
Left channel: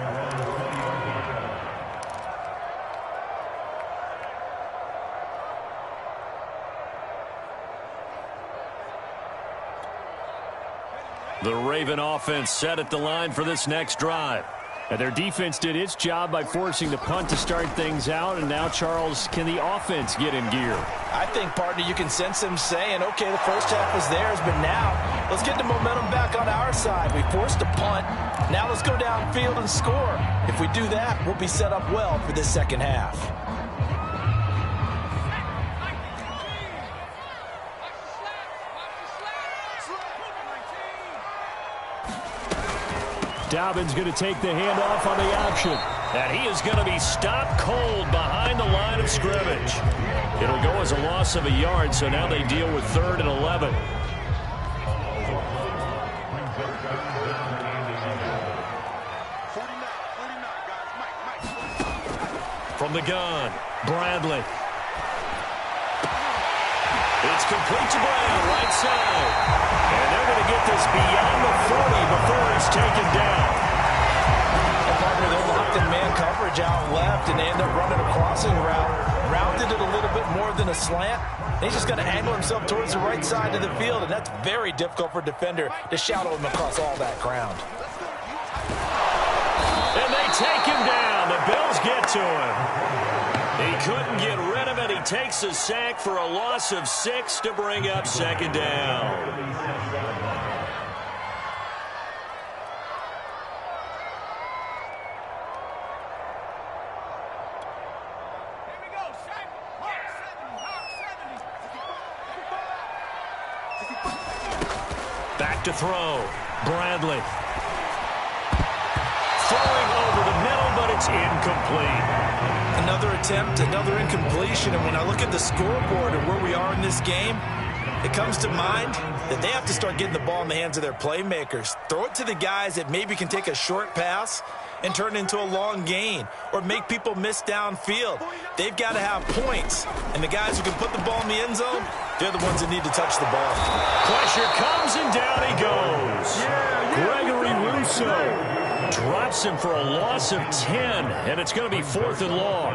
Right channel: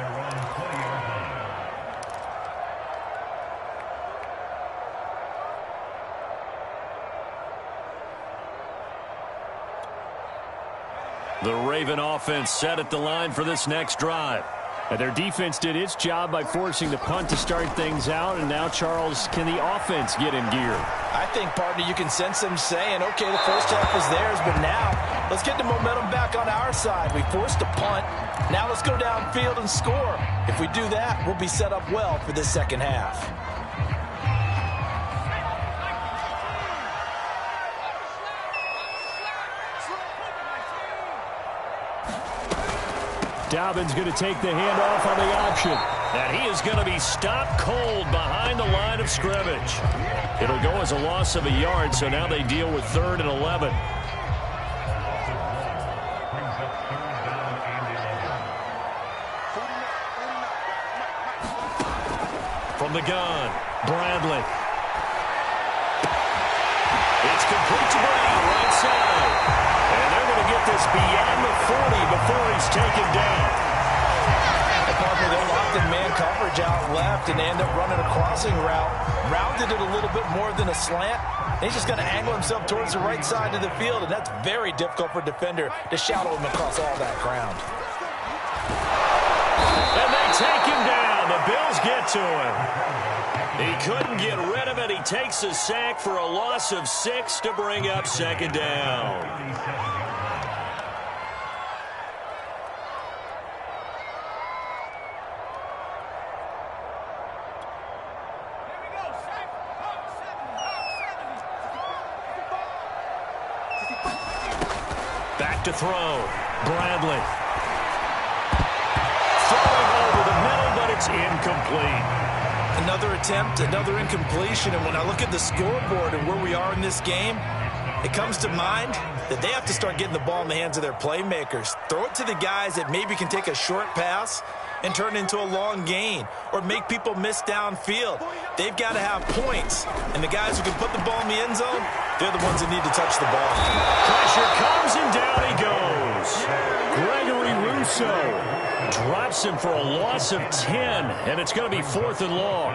The Raven offense set at the line for this next drive. And their defense did its job by forcing the punt to start things out. And now, Charles, can the offense get in gear? I think, partner, you can sense them saying, okay, the first half was theirs, but now let's get the momentum back on our side. We forced a punt. Now let's go downfield and score. If we do that, we'll be set up well for this second half. Dobbins going to take the handoff on the option. And he is going to be stopped cold behind the line of scrimmage. It'll go as a loss of a yard, so now they deal with 3rd and 11. From the gun, Bradley. It's complete to Brown, right side. And they're going to get this beyond the 40 before he's taken down. And partner, they're locked in man coverage out left, and they end up running a crossing route. Rounded it a little bit more than a slant. And he's just going to angle himself towards the right side of the field, and that's very difficult for a defender to shadow him across all that ground. And they take him down. The Bills get to him. He couldn't get rid of it. He takes a sack for a loss of 6 to bring up 2nd down. Back to throw. Bradley. Throwing over the middle, but it's incomplete. Another attempt, another incompletion, and when I look at the scoreboard and where we are in this game, it comes to mind that they have to start getting the ball in the hands of their playmakers. Throw it to the guys that maybe can take a short pass and turn it into a long gain or make people miss downfield. They've got to have points, and the guys who can put the ball in the end zone, they're the ones that need to touch the ball. Pressure comes, and down he goes. Gregory Rousseau drops him for a loss of 10, and it's going to be 4th and long.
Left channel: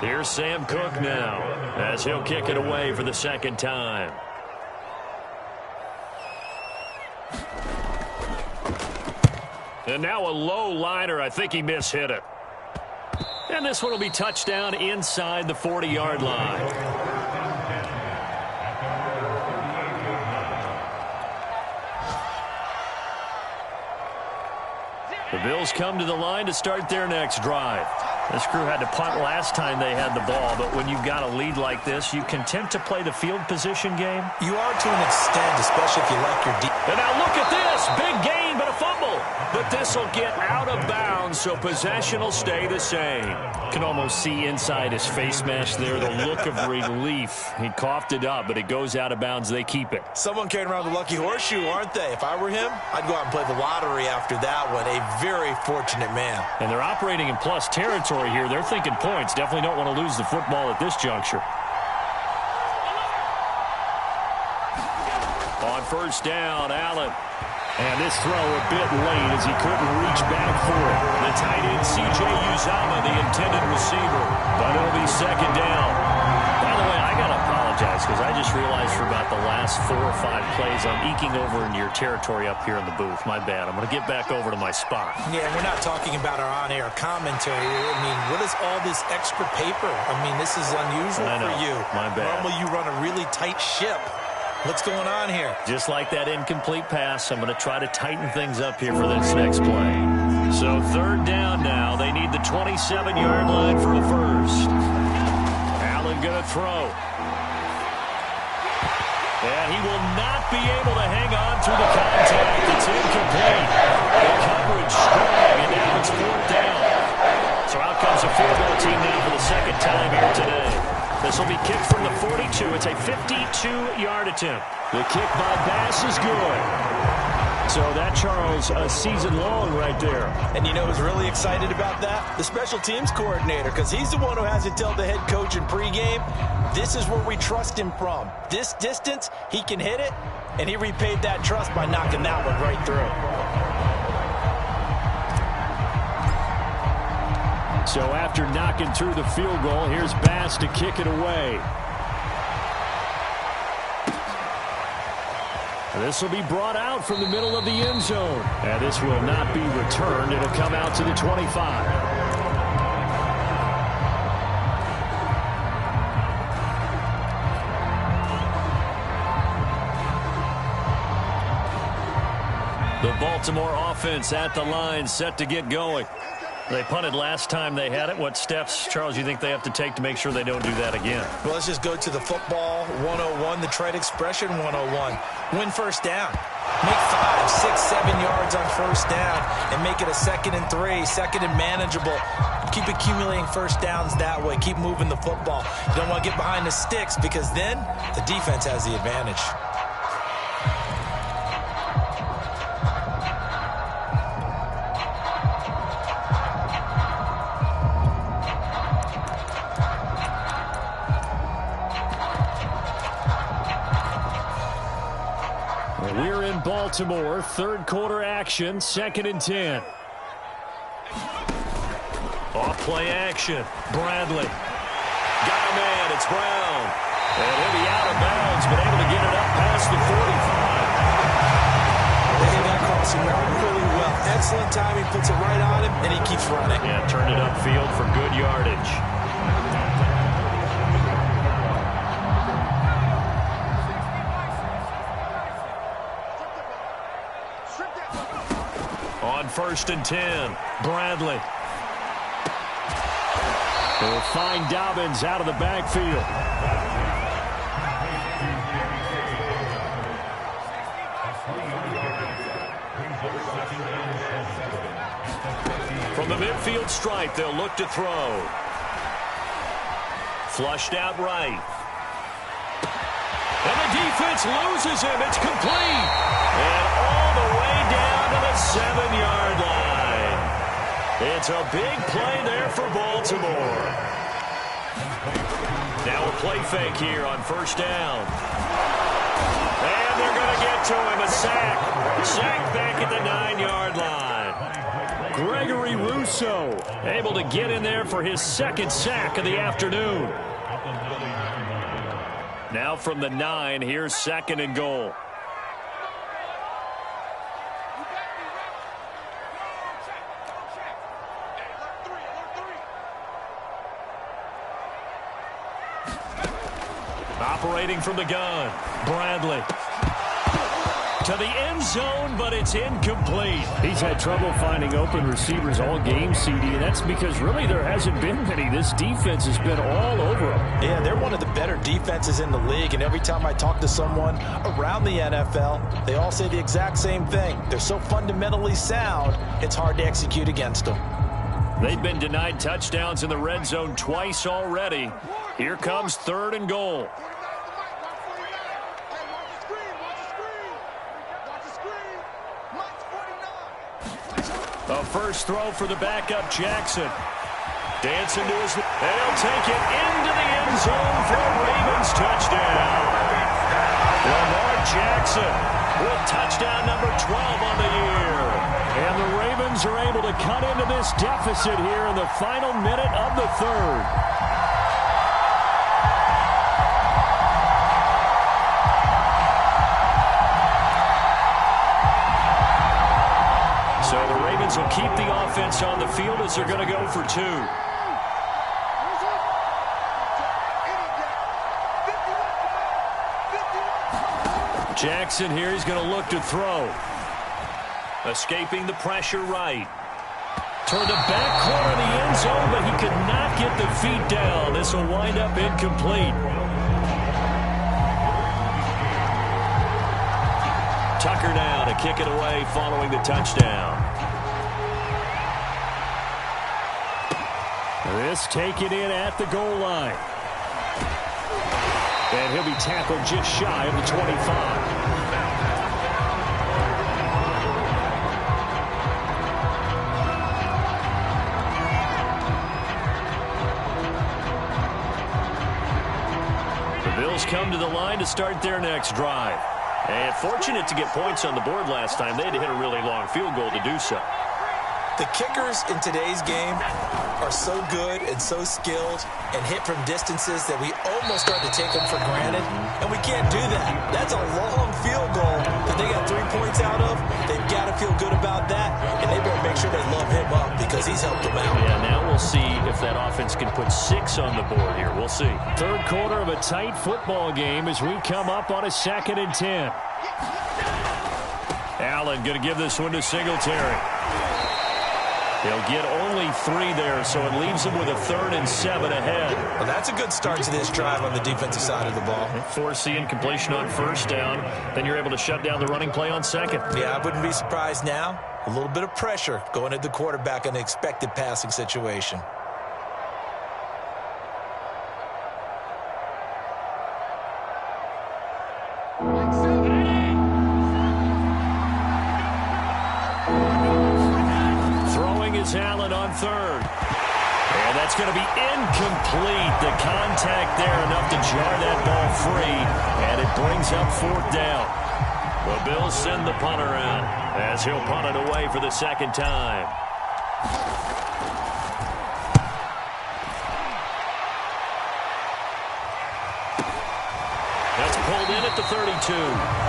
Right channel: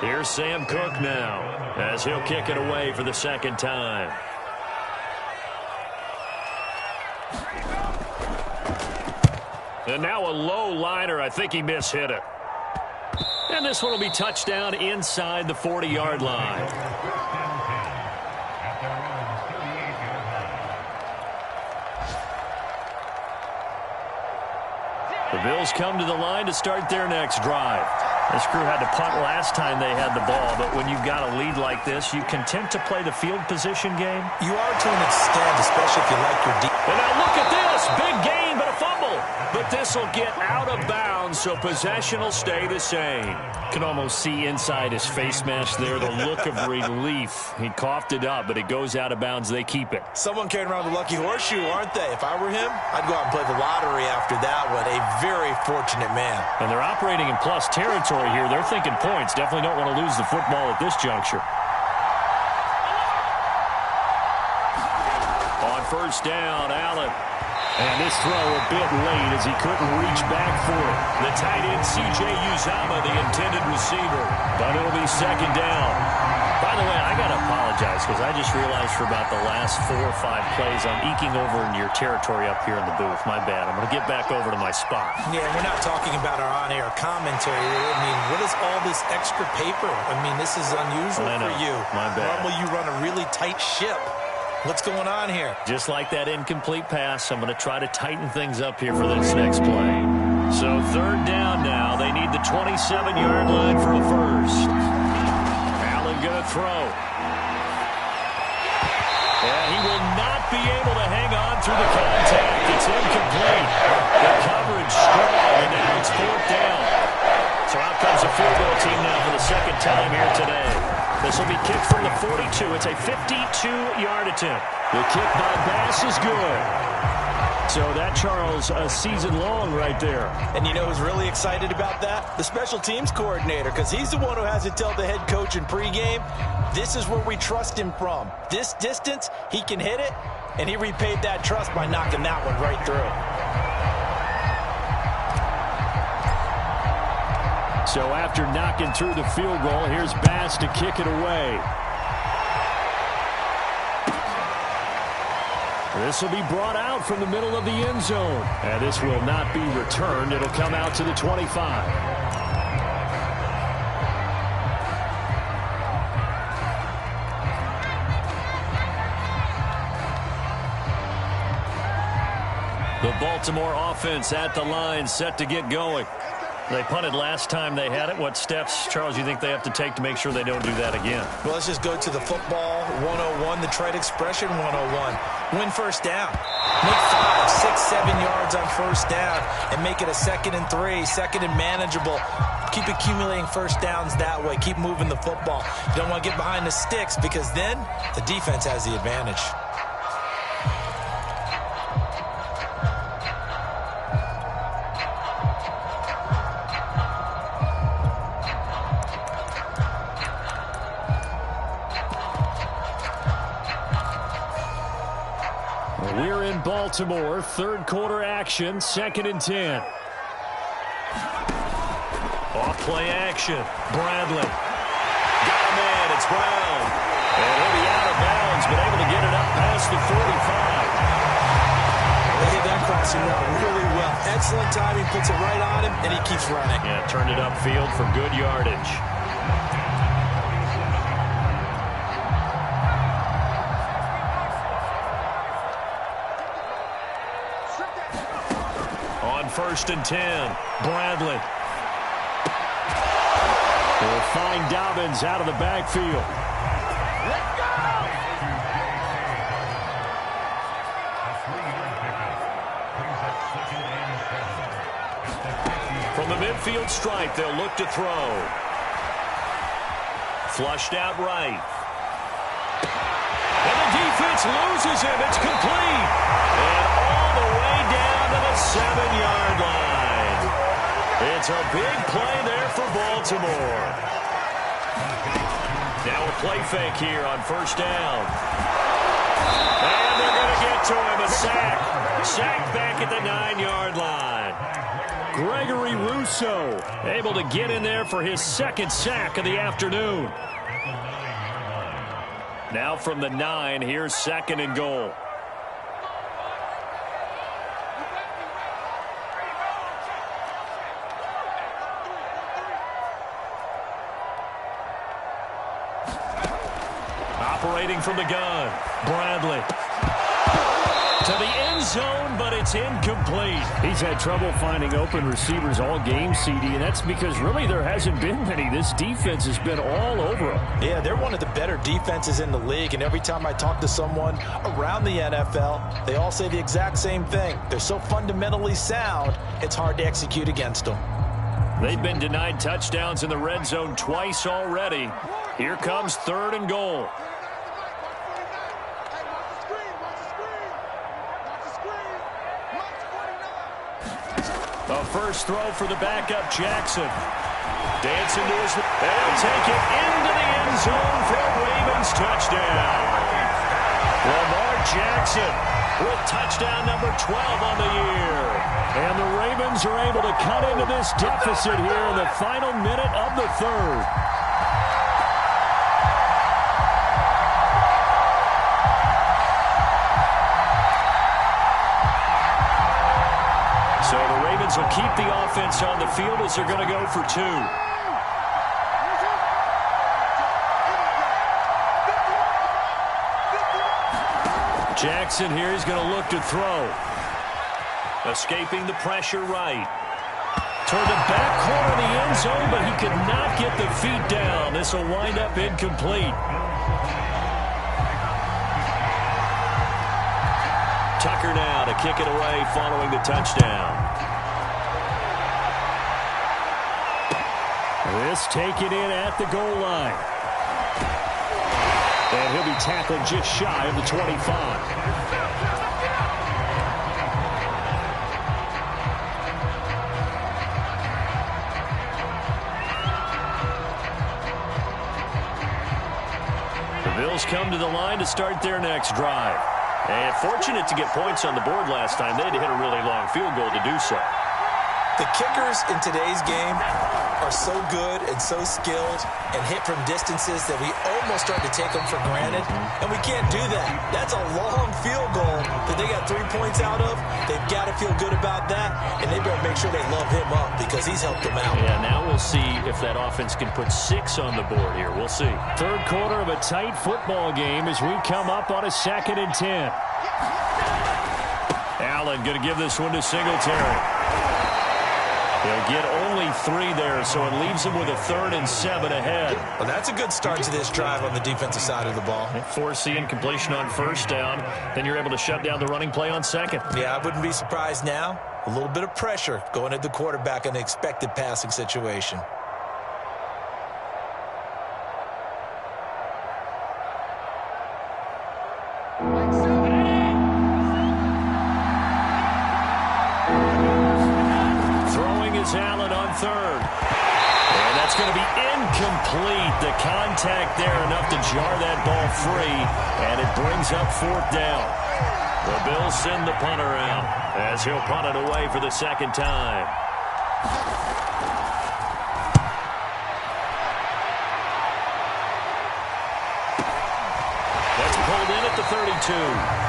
Here's Sam Cook now as he'll kick it away for the 2nd time. And now a low liner. I think he mishit it. And this one will be touchdown inside the 40-yard line. The Bills come to the line to start their next drive. This crew had to punt last time they had the ball, but when you've got a lead like this, you content to play the field position game? You are to an extent, especially if you like your deep. And now look at this. Big gain, but a fumble. But this will get out of bounds, so possession will stay the same. Can almost see inside his face mask there, the look of relief. He coughed it up, but it goes out of bounds. They keep it. Someone carrying around the lucky horseshoe, aren't they? If I were him, I'd go out and play the lottery after that one. A very fortunate man. And they're operating in plus territory here. They're thinking points. Definitely don't want to lose the football at this juncture. On 1st down, Allen. And this throw a bit late as he couldn't reach back for it. The tight end, C.J. Uzomah, the intended receiver. But it'll be 2nd down. By the way, I got to apologize because I just realized for about the last 4 or 5 plays I'm eking over into your territory up here in the booth. My bad. I'm going to get back over to my spot. Yeah, we're not talking about our on-air commentary. I mean, what is all this extra paper? I mean, this is unusual for you. My bad. Normally you run a really tight ship. What's going on here? Just like that incomplete pass, I'm going to try to tighten things up here for this next play. So third down now. They need the 27-yard line for a first. Allen going to throw. And he will not be able to hang on through the contact. It's incomplete. The coverage strong, and now it's fourth down. So out comes a field goal team now for the second time here today. This will be kicked from the 42. It's a 52-yard attempt. The kick by Bass is good. So that, Charles, a season long right there. And you know who's really excited about that? The special teams coordinator, because he's the one who has to tell the head coach in pregame, this is where we trust him from. This distance, he can hit it, and he repaid that trust by knocking that one right through. So after knocking through the field goal, here's Bass to kick it away. This will be brought out from the middle of the end zone. And this will not be returned. It'll come out to the 25. The Baltimore offense at the line, set to get going. They punted last time they had it. What steps, Charles, you think they have to take to make sure they don't do that again? Well, let's just go to the football 101, the trade expression 101. Win first down. Make 5, 6, 7 yards on first down and make it a 2nd and 3, 2nd and manageable. Keep accumulating first downs that way. Keep moving the football. You don't want to get behind the sticks because then the defense has the advantage. We're in Baltimore, third quarter action, 2nd and 10. Off play action. Bradley. Got a man. It's Brown. And he'll be out of bounds, but able to get it up past the 45. They hit that crossing route really well. Excellent timing, puts it right on him, and he keeps running. Yeah, turned it upfield for good yardage. On 1st and 10, Bradley. They'll find Dobbins out of the backfield. From the midfield stripe, they'll look to throw. Flushed out right. And the defense loses him. It's complete. And all the way down to the 7-yard line. It's a big play there for Baltimore. Now a play fake here on first down. And they're going to get to him. A sack. Sacked back at the 9-yard line. Gregory Rousseau able to get in there for his 2nd sack of the afternoon. Now from the 9, here's 2nd and goal. Operating from the gun, Bradley. To the end zone, but it's incomplete. He's had trouble finding open receivers all game, CD, and that's because really there hasn't been many. This defense has been all over them. Yeah, they're one of the better defenses in the league, and every time I talk to someone around the NFL, they all say the exact same thing. They're so fundamentally sound, it's hard to execute against them. They've been denied touchdowns in the red zone twice already. Here comes 3rd and goal. A first throw for the backup, Jackson. Dancing to his... They'll take it into the end zone for a Ravens touchdown. Lamar Jackson with touchdown number 12 on the year. And the Ravens are able to cut into this deficit here in the final minute of the 3rd. So the Ravens will keep the offense on the field as they're going to go for 2. Jackson here, he's going to look to throw. Escaping the pressure right. toward the back corner of the end zone, but he could not get the feet down. This will wind up incomplete. Tucker now to kick it away following the touchdown. This taken in at the goal line. And he'll be tackled just shy of the 25. The Bills come to the line to start their next drive. And fortunate to get points on the board last time. They had to hit a really long field goal to do so. The kickers in today's game are so good and so skilled and hit from distances that we almost start to take them for granted, and we can't do that. That's a long field goal that they got 3 points out of. They've got to feel good about that, and they better make sure they love him up because he's helped them out. Yeah, now we'll see if that offense can put 6 on the board here. We'll see. Third quarter of a tight football game as we come up on a 2nd and 10. Allen going to give this one to Singletary. He'll get only 3 there, so it leaves him with a 3rd and 7 ahead. Well, that's a good start to this drive on the defensive side of the ball. Force the incompletion on 1st down. Then you're able to shut down the running play on 2nd. Yeah, I wouldn't be surprised now. A little bit of pressure going at the quarterback in an expected passing situation. Allen on 3rd. And that's going to be incomplete. The contact there enough to jar that ball free. And it brings up 4th down. The Bills send the punter out as he'll punt it away for the 2nd time. That's pulled in at the 32.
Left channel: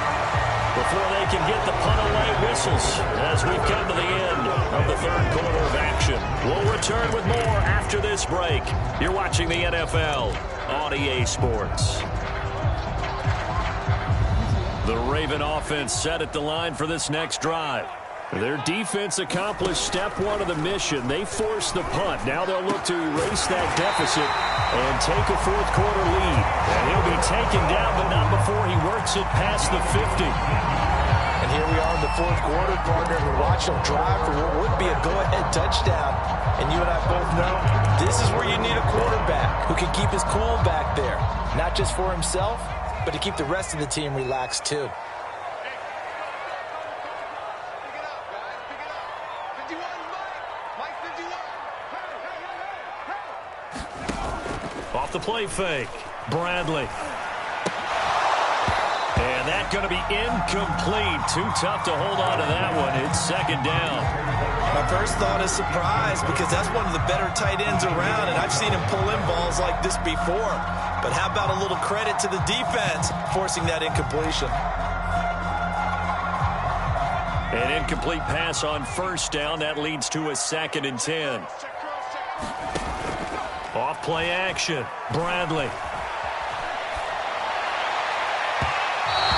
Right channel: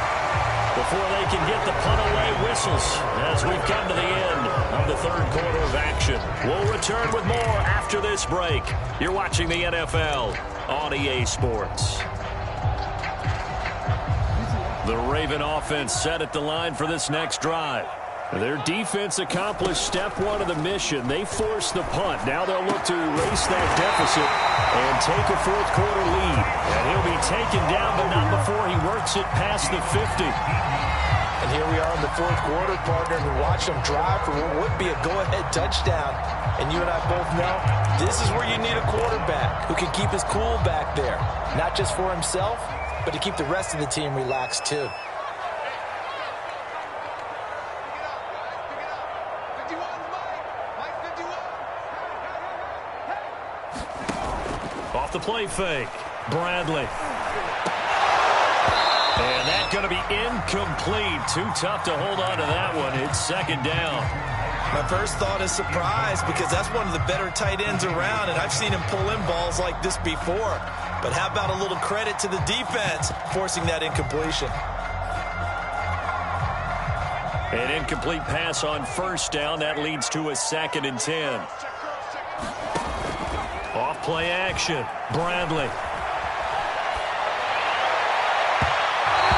Before they can get the punt away, whistles as we've come to the end of the 3rd quarter of action. We'll return with more after this break. You're watching the NFL on EA Sports. The Raven offense set at the line for this next drive. Their defense accomplished step 1 of the mission. They forced the punt. Now they'll look to erase that deficit and take a 4th quarter lead. And he'll be taken down, but not before he works it past the 50. And here we are in the 4th quarter, partner, and watch them drive for what would be a go-ahead touchdown. And you and I both know this is where you need a quarterback who can keep his cool back there. Not just for himself, but to keep the rest of the team relaxed too. Off the play fake, Bradley. And that's going to be incomplete. Too tough to hold on to that one. It's 2nd down. My first thought is surprise because that's one of the better tight ends around, and I've seen him pull in balls like this before. But how about a little credit to the defense forcing that incompletion? An incomplete pass on 1st down. That leads to a 2nd and 10. Off play action, Bradley.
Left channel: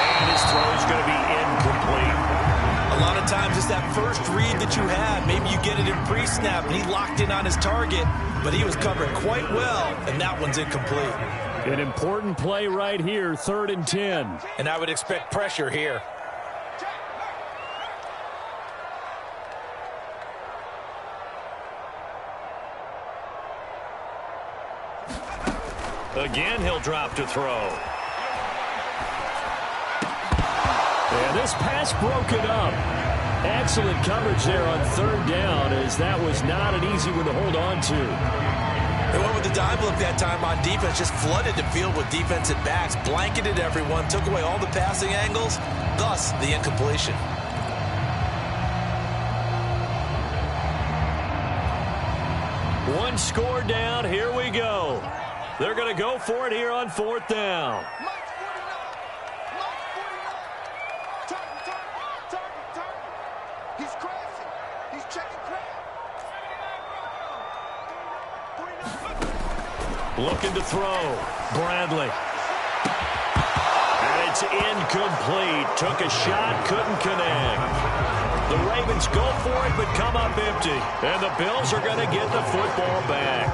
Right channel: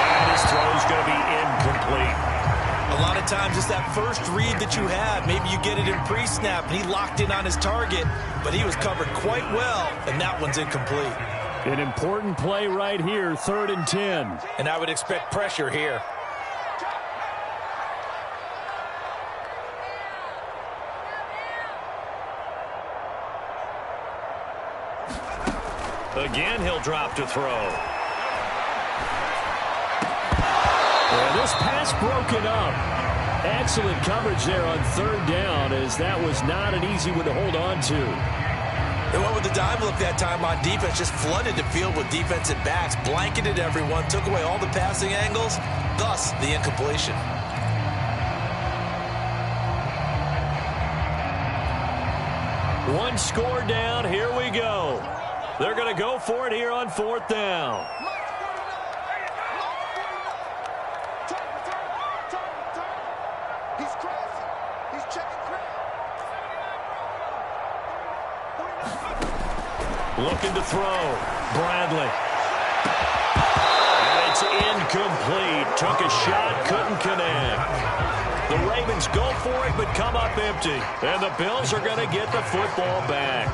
And his throw's going to be incomplete. A lot of times it's that first read that you had. Maybe you get it in pre-snap, and he locked in on his target, but he was covered quite well, and that one's incomplete. An important play right here, 3rd and 10. And I would expect pressure here. Again, he'll drop to throw. And this pass broken up. Excellent coverage there on 3rd down, as that was not an easy one to hold on to. They went with the dime look that time on defense, just flooded the field with defensive backs, blanketed everyone, took away all the passing angles, thus the incompletion. One score down, here we go. They're going to go for it here on 4th down. He's crashing. He's checking crash. Looking to throw. Bradley. And it's is incomplete. Took a shot, couldn't connect. The Ravens go for it, but come up empty. And the Bills are going to get the football back.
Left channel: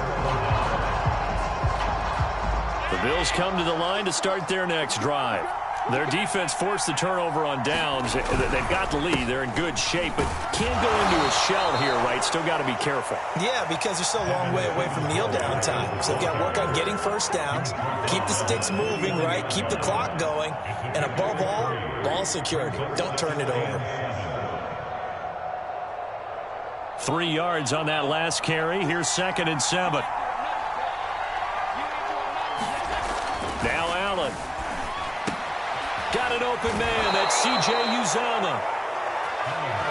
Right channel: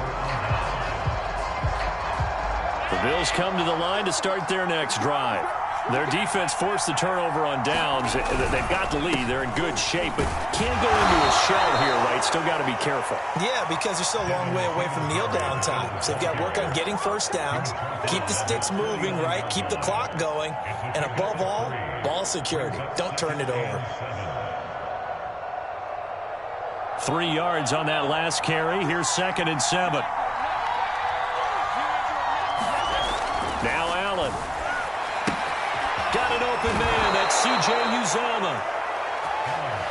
The Bills come to the line to start their next drive. Their defense forced the turnover on downs. They've got the lead. They're in good shape, but can't go into a shell here, right? Still got to be careful. Yeah, because they're still a long way away from kneel down time. So they've got to work on getting first downs, keep the sticks moving, right? Keep the clock going. And above all, ball security. Don't turn it over. 3 yards on that last carry. Here's 2nd and 7. Now Allen. Got an open man. That's C.J. Uzomah.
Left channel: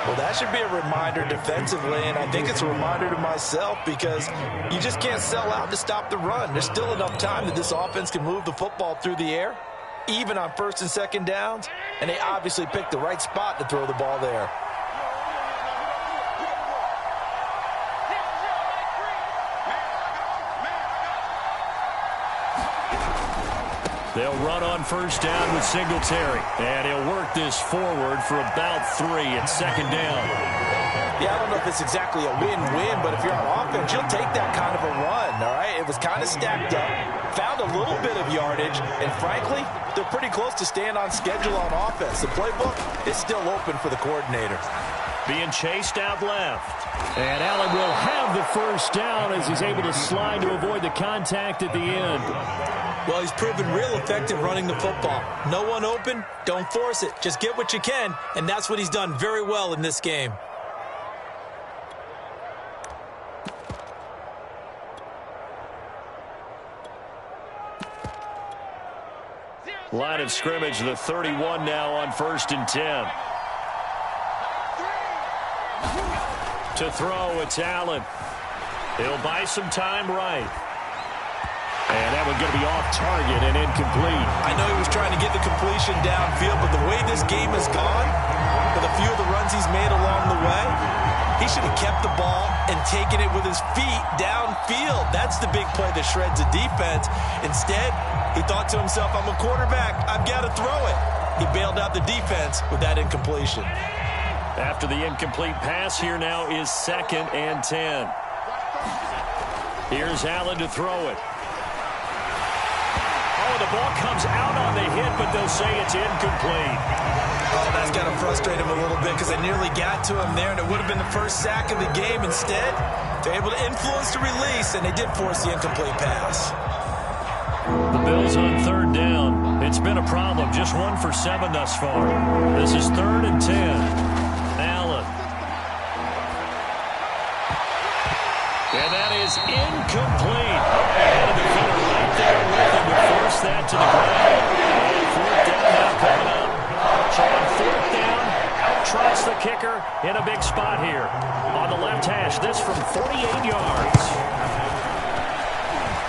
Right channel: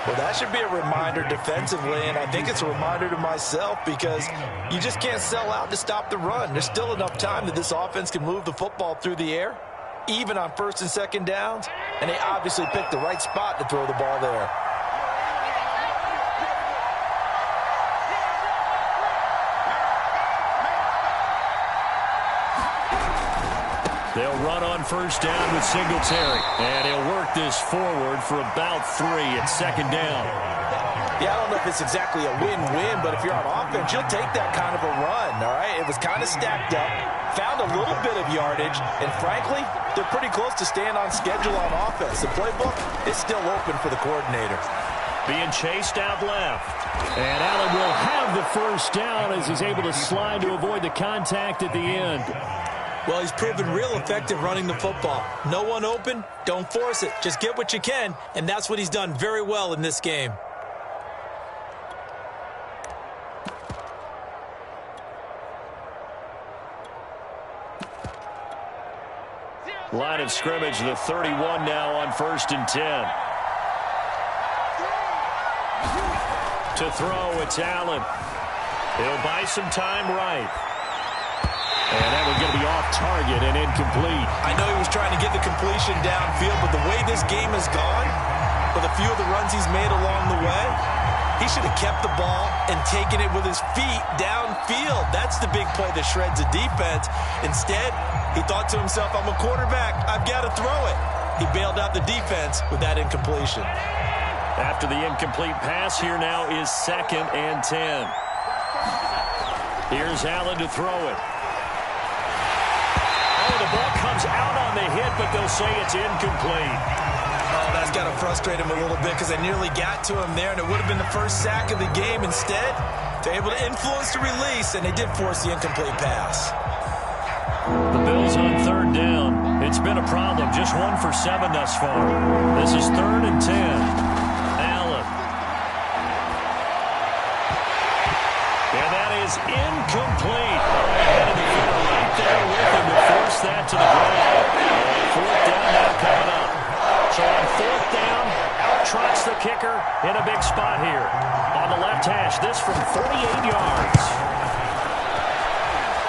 Well, that should be a reminder defensively, and I think it's a reminder to myself because you just can't sell out to stop the run. There's still enough time that this offense can move the football through the air, even on 1st and 2nd downs, and they obviously picked the right spot to throw the ball there. They'll run on 1st down with Singletary. And he'll work this forward for about 3 at 2nd down. Yeah, I don't know if it's exactly a win-win, but if you're on offense, you'll take that kind of a run, all right? It was kind of stacked up, found a little bit of yardage, and frankly, they're pretty close to staying on schedule on offense. The playbook is still open for the coordinator. Being chased out left. And Allen will have the 1st down as he's able to slide to avoid the contact at the end. Well, he's proven real effective running the football. No one open, don't force it. Just get what you can, and that's what he's done very well in this game. Line of scrimmage, the 31 now on 1st and 10. To throw, it's Allen. He'll buy some time right. And that one's going to be off target and incomplete. I know he was trying to get the completion downfield, but the way this game has gone, with a few of the runs he's made along the way, he should have kept the ball and taken it with his feet downfield. That's the big play that shreds the defense. Instead, he thought to himself, I'm a quarterback. I've got to throw it. He bailed out the defense with that incompletion. After the incomplete pass, here now is 2nd and 10. Here's Allen to throw it. Oh, the ball comes out on the hit, but they'll say it's incomplete. Oh, that's got to frustrate him a little bit because they nearly got to him there, and it would have been the first sack of the game. Instead, they're able to influence the release, and they did force the incomplete pass. The Bills on 3rd down. It's been a problem. Just 1 for 7 thus far. This is 3rd and 10. Allen. And that is incomplete. Oh, he had a defender right there with him to force that to the ground. And 4th down now coming up. So on 4th down, out trots the kicker in a big spot here. On the left hash, this from 48 yards.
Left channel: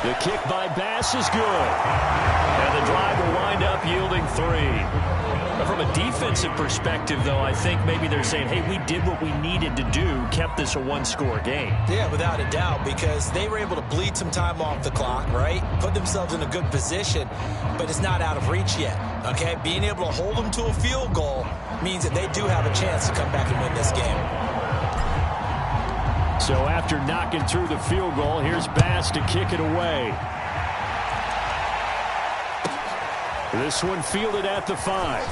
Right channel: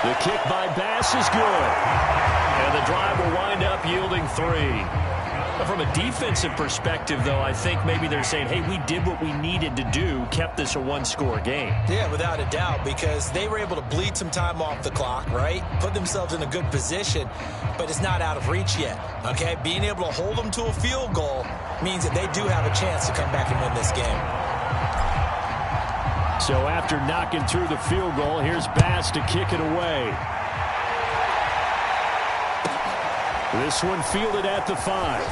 The kick by Bass is good. And the drive will wind up yielding 3. From a defensive perspective, though, I think maybe they're saying, hey, we did what we needed to do, kept this a 1-score game. Yeah, without a doubt, because they were able to bleed some time off the clock, right? Put themselves in a good position, but it's not out of reach yet, okay? Being able to hold them to a field goal means that they do have a chance to come back and win this game. So after knocking through the field goal, here's Bass to kick it away. This one fielded at the 5.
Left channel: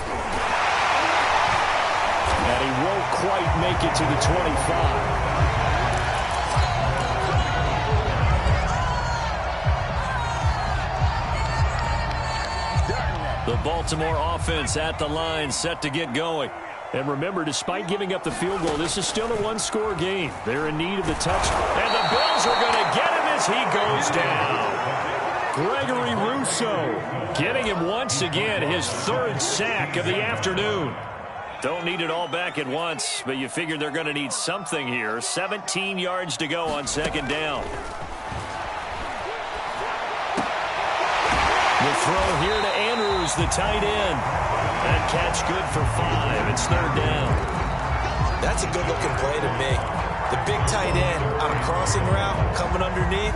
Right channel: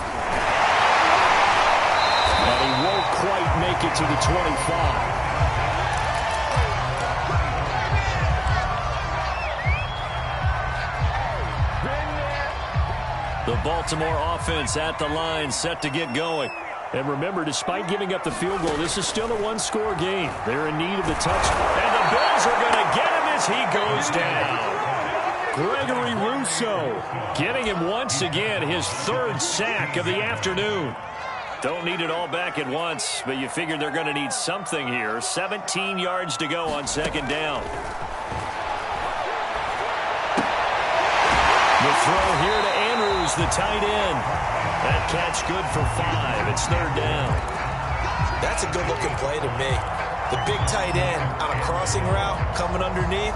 And he won't quite make it to the 25. The Baltimore offense at the line, set to get going. And remember, despite giving up the field goal, this is still a 1-score game. They're in need of the touchdown. And the Bills are going to get him as he goes down. Gregory Rousseau getting him once again, his 3rd sack of the afternoon. Don't need it all back at once, but you figure they're going to need something here. 17 yards to go on 2nd down. The throw here to Andrews, the tight end. That catch good for 5. It's 3rd down. That's a good-looking play to me. The big tight end on a crossing route coming underneath.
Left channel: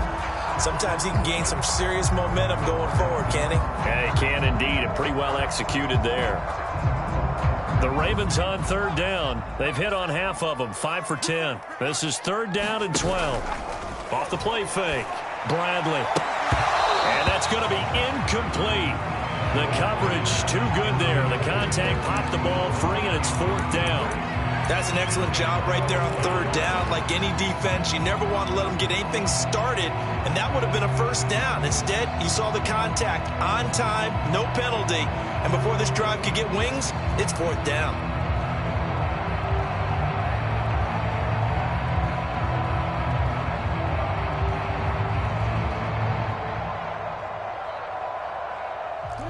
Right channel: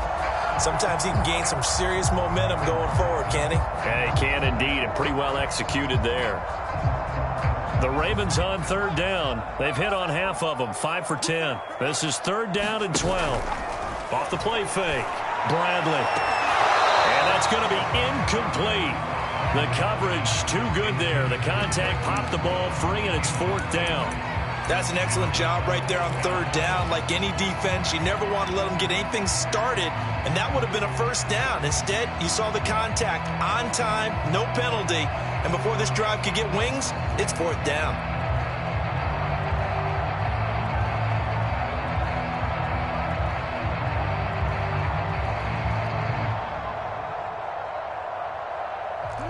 sometimes he can gain some serious momentum going forward, can he? Yeah, he can indeed, and pretty well executed there. The Ravens on third down. They've hit on half of them, 5 for 10. This is 3rd down and 12. Off the play fake, Bradley. And that's going to be incomplete. The coverage too good there. The contact popped the ball free, and it's 4th down. That's an excellent job right there on 3rd down. Like any defense, you never want to let them get anything started, and that would have been a 1st down. Instead, you saw the contact on time, no penalty, and before this drive could get wings, it's 4th down.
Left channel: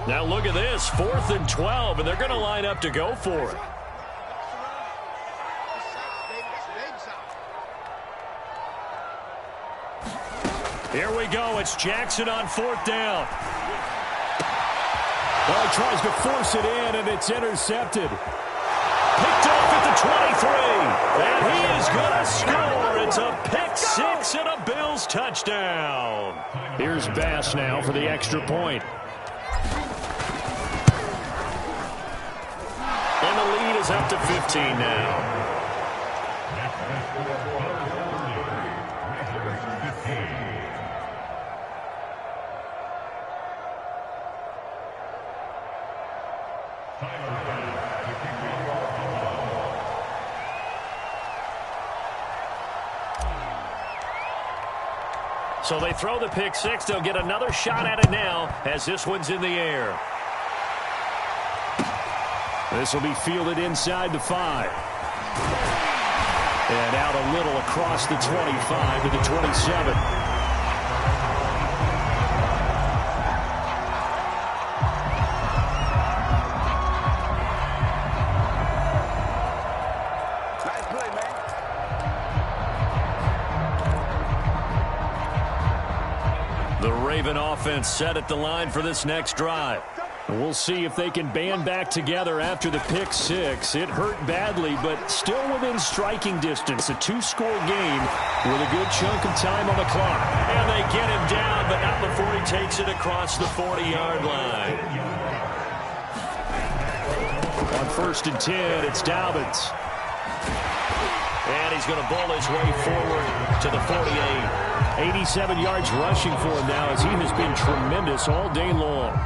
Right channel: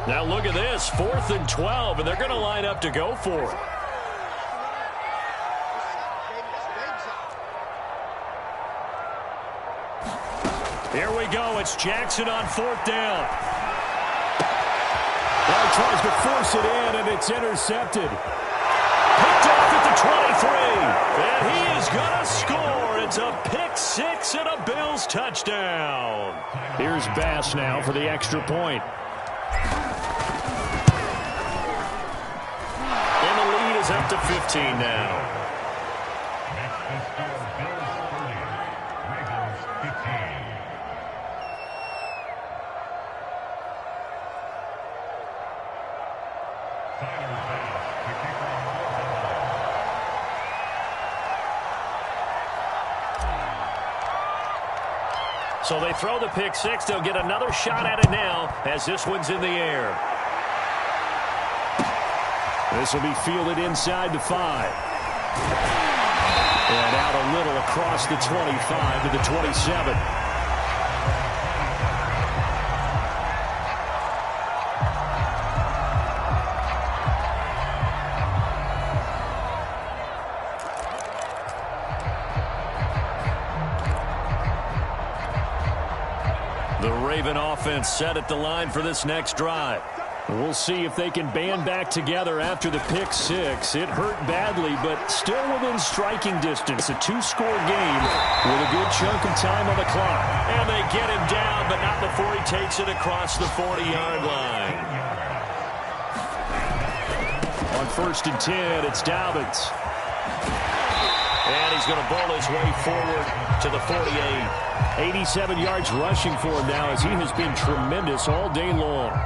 Now look at this, 4th and 12, and they're going to line up to go for it. Here we go. It's Jackson on 4th down. Well, he tries to force it in, and it's intercepted. Picked off at the 23. And he is going to score. It's a pick 6 and a Bills touchdown. Here's Bass now for the extra point. And the lead is up to 15 now. So they throw the pick 6. They'll get another shot at it now as this one's in the air. This will be fielded inside the 5. And out a little across the 25 to the 27. The Raven offense set at the line for this next drive. We'll see if they can band back together after the pick 6. It hurt badly, but still within striking distance. A 2-score game with a good chunk of time on the clock. And they get him down, but not before he takes it across the 40-yard line. On 1st and 10, it's Dobbins. And he's going to bowl his way forward to the 48. 87 yards rushing for him now as he has been tremendous all day long.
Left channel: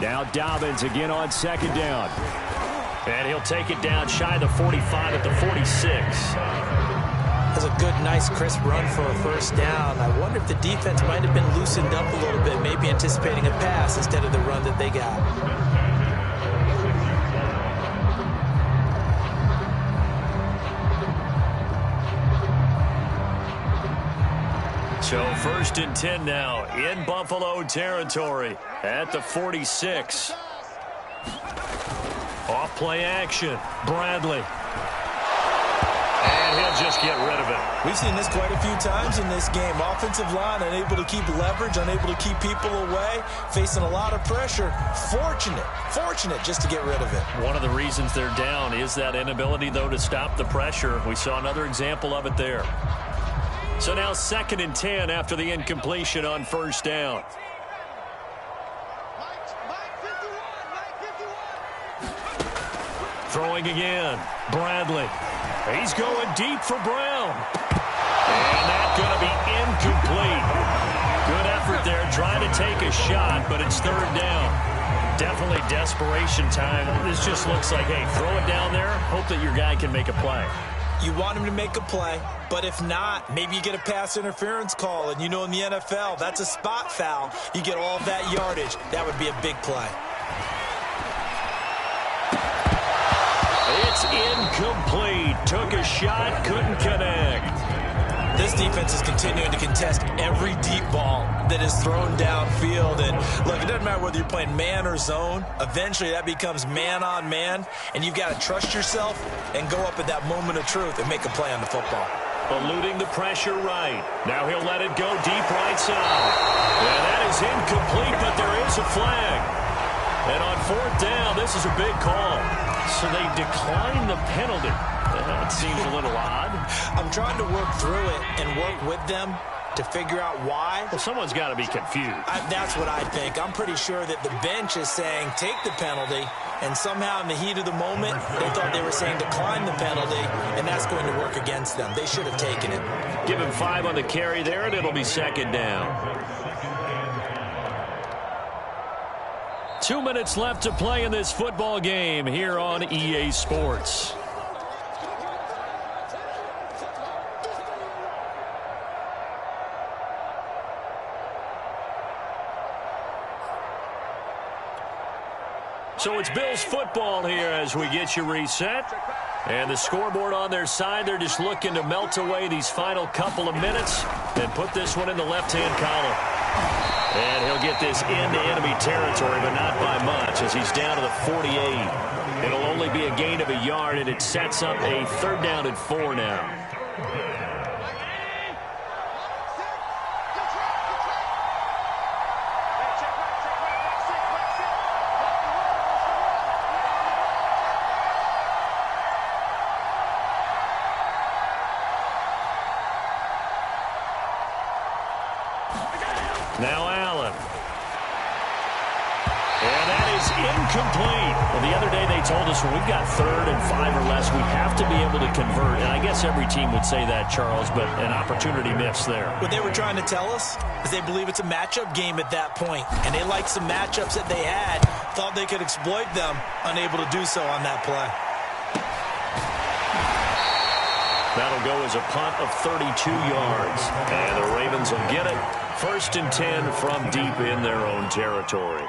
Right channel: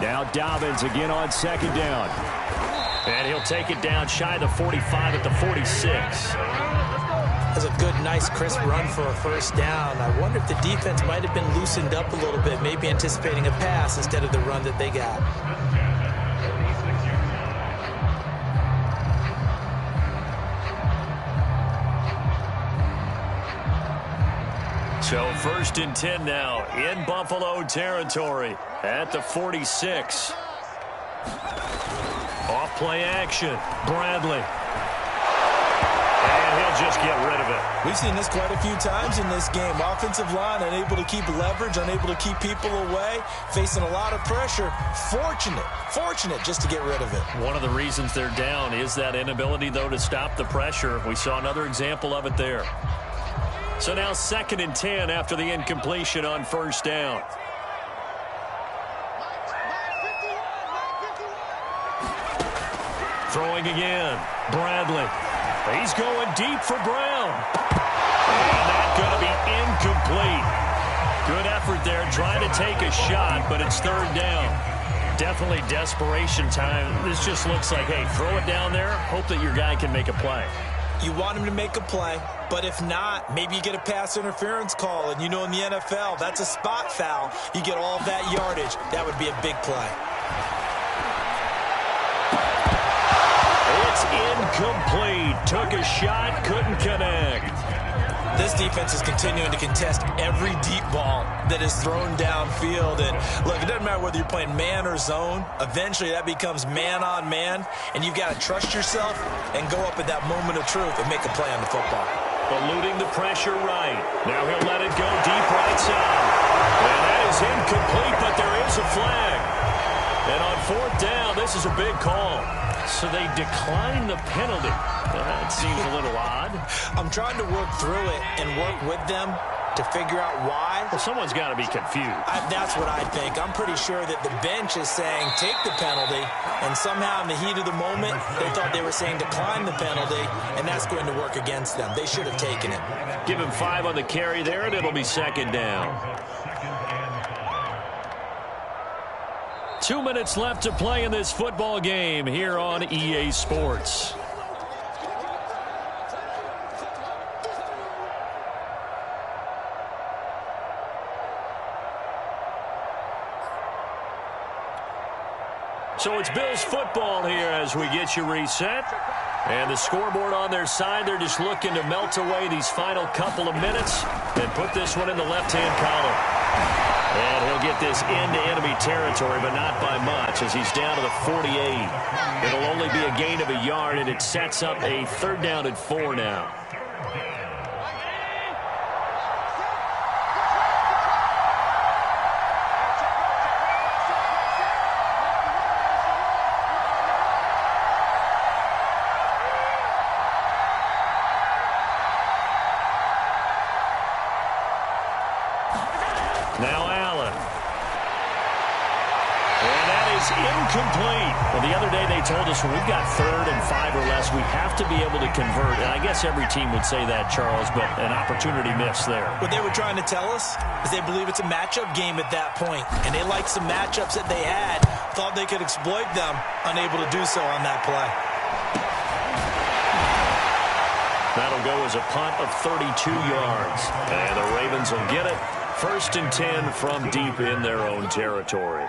Now Dobbins again on 2nd down. And he'll take it down shy of the 45 at the 46. That's a good, nice, crisp run for a 1st down. I wonder if the defense might have been loosened up a little bit, maybe anticipating a pass instead of the run that they got. So 1st and 10 now in Buffalo territory at the 46. Off play action, Bradley. And he'll just get rid of it. We've seen this quite a few times in this game. Offensive line unable to keep leverage, unable to keep people away, facing a lot of pressure. Fortunate just to get rid of it. One of the reasons they're down is that inability, though, to stop the pressure. We saw another example of it there. So now 2nd and 10 after the incompletion on 1st down. Throwing again, Bradley. He's going deep for Brown. And that's going to be incomplete. Good effort there, trying to take a shot, but it's 3rd down. Definitely desperation time. This just looks like, hey, throw it down there, hope that your guy can make a play. You want him to make a play, but if not, maybe you get a pass interference call, and you know in the NFL, that's a spot foul. You get all of that yardage. That would be a big play. It's incomplete. Took a shot, couldn't connect. This defense is continuing to contest every deep ball that is thrown downfield. And look, it doesn't matter whether you're playing man or zone. Eventually that becomes man on man, and you've got to trust yourself and go up at that moment of truth and make a play on the football. Eluding the pressure right. Now he'll let it go deep right side. And that is incomplete, but there is a flag. And on 4th down, this is a big call. So they decline the penalty. That seems a little odd. I'm trying to work through it and work with them to figure out why. Well, someone's got to be confused. That's what I think. I'm pretty sure that the bench is saying take the penalty, and somehow in the heat of the moment, they thought they were saying decline the penalty, and that's going to work against them. They should have taken it. Give him 5 on the carry there, and it'll be second down. 2 minutes left to play in this football game here on EA Sports. So it's Bills football here as we get you reset. And the scoreboard on their side, they're just looking to melt away these final couple of minutes and put this one in the left-hand column. And he'll get this into enemy territory, but not by much as he's down to the 48. It'll only be a gain of a yard, and it sets up a 3rd down and 4 now. Now Allen. And that is incomplete. Well, the other day they told us when we've got 3rd and 5 or less, we have to be able to convert. And I guess every team would say that, Charles, but an opportunity missed there. What they were trying to tell us is they believe it's a matchup game at that point. And they liked some matchups that they had, thought they could exploit them, unable to do so on that play. That'll go as a punt of 32 yards. And the Ravens will get it. 1st and 10 from deep in their own territory.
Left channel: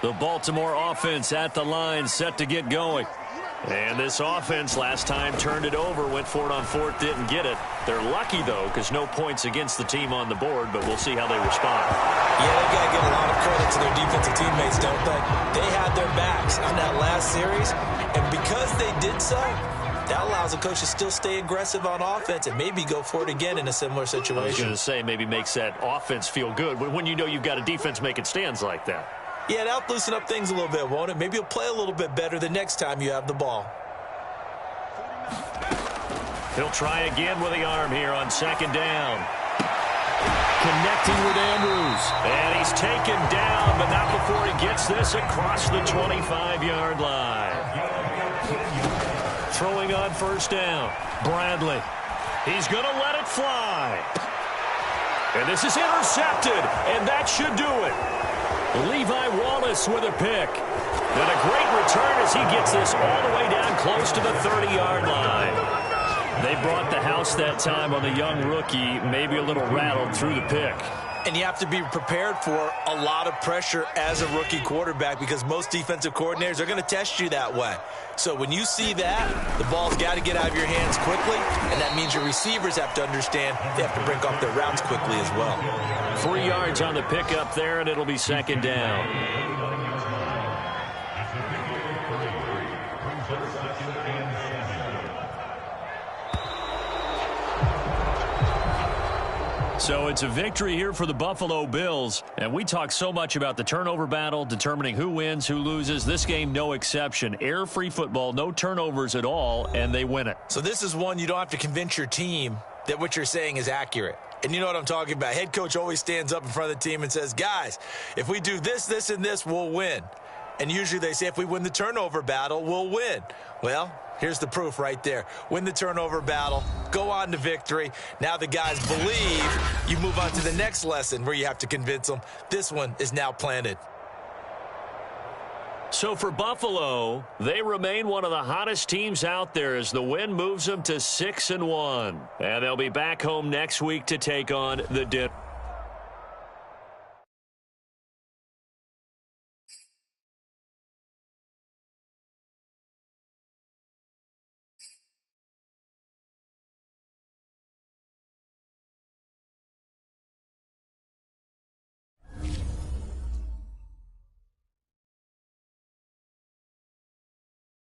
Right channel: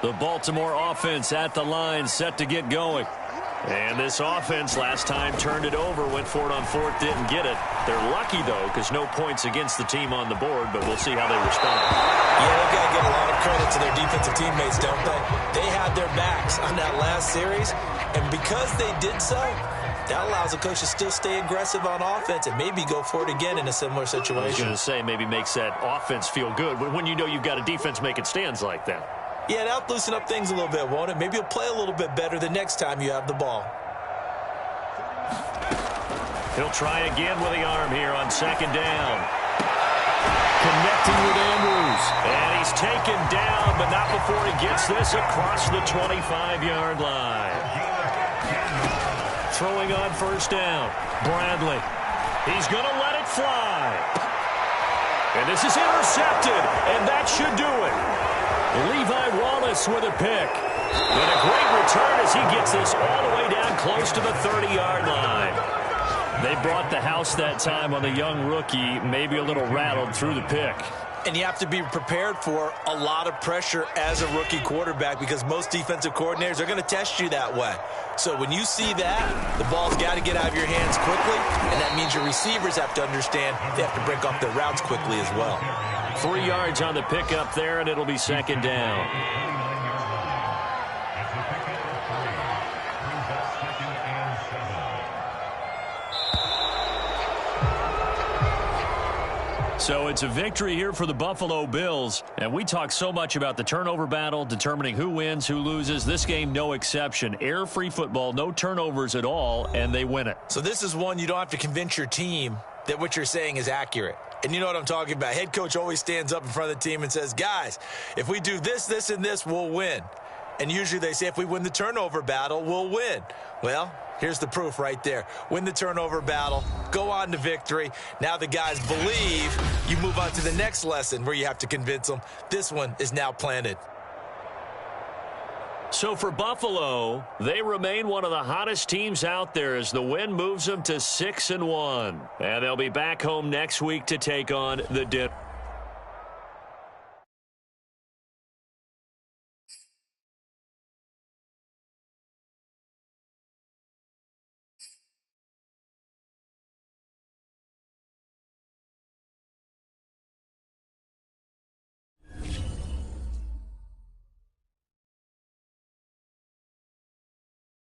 The Baltimore offense at the line, set to get going. And this offense last time turned it over, went for it on 4th, didn't get it. They're lucky, though, because no points against the team on the board, but we'll see how they respond. Yeah, they've got to give a lot of credit to their defensive teammates, don't they? They had their backs on that last series, and because they did so, that allows the coach to still stay aggressive on offense and maybe go for it again in a similar situation. I was going to say maybe makes that offense feel good when you know you've got a defense making stands like that. Yeah, that'll loosen up things a little bit, won't it? Maybe you'll play a little bit better the next time you have the ball. He'll try again with the arm here on 2nd down. Connecting with Andrews. And he's taken down, but not before he gets this across the 25-yard line. Throwing on 1st down. Bradley. He's going to let it fly. And this is intercepted, and that should do it. Levi Wallace with a pick. And a great return as he gets this all the way down close to the 30-yard line. They brought the house that time on the young rookie, maybe a little rattled through the pick. And you have to be prepared for a lot of pressure as a rookie quarterback because most defensive coordinators are going to test you that way. So when you see that, the ball's got to get out of your hands quickly, and that means your receivers have to understand they have to break off their routes quickly as well. 3 yards on the pickup there, and it'll be 2nd down. So it's a victory here for the Buffalo Bills, and we talk so much about the turnover battle, determining who wins, who loses. This game, no exception. Error-free football, no turnovers at all, and they win it. So this is one you don't have to convince your team that what you're saying is accurate. And you know what I'm talking about. Head coach always stands up in front of the team and says, guys, if we do this, this, and this, we'll win. And usually they say if we win the turnover battle, we'll win. Well, here's the proof right there. Win the turnover battle, go on to victory. Now the guys believe. You move on to the next lesson where you have to convince them. This one is now planted. So for Buffalo, they remain one of the hottest teams out there as the win moves them to 6-1. And they'll be back home next week to take on the Denver.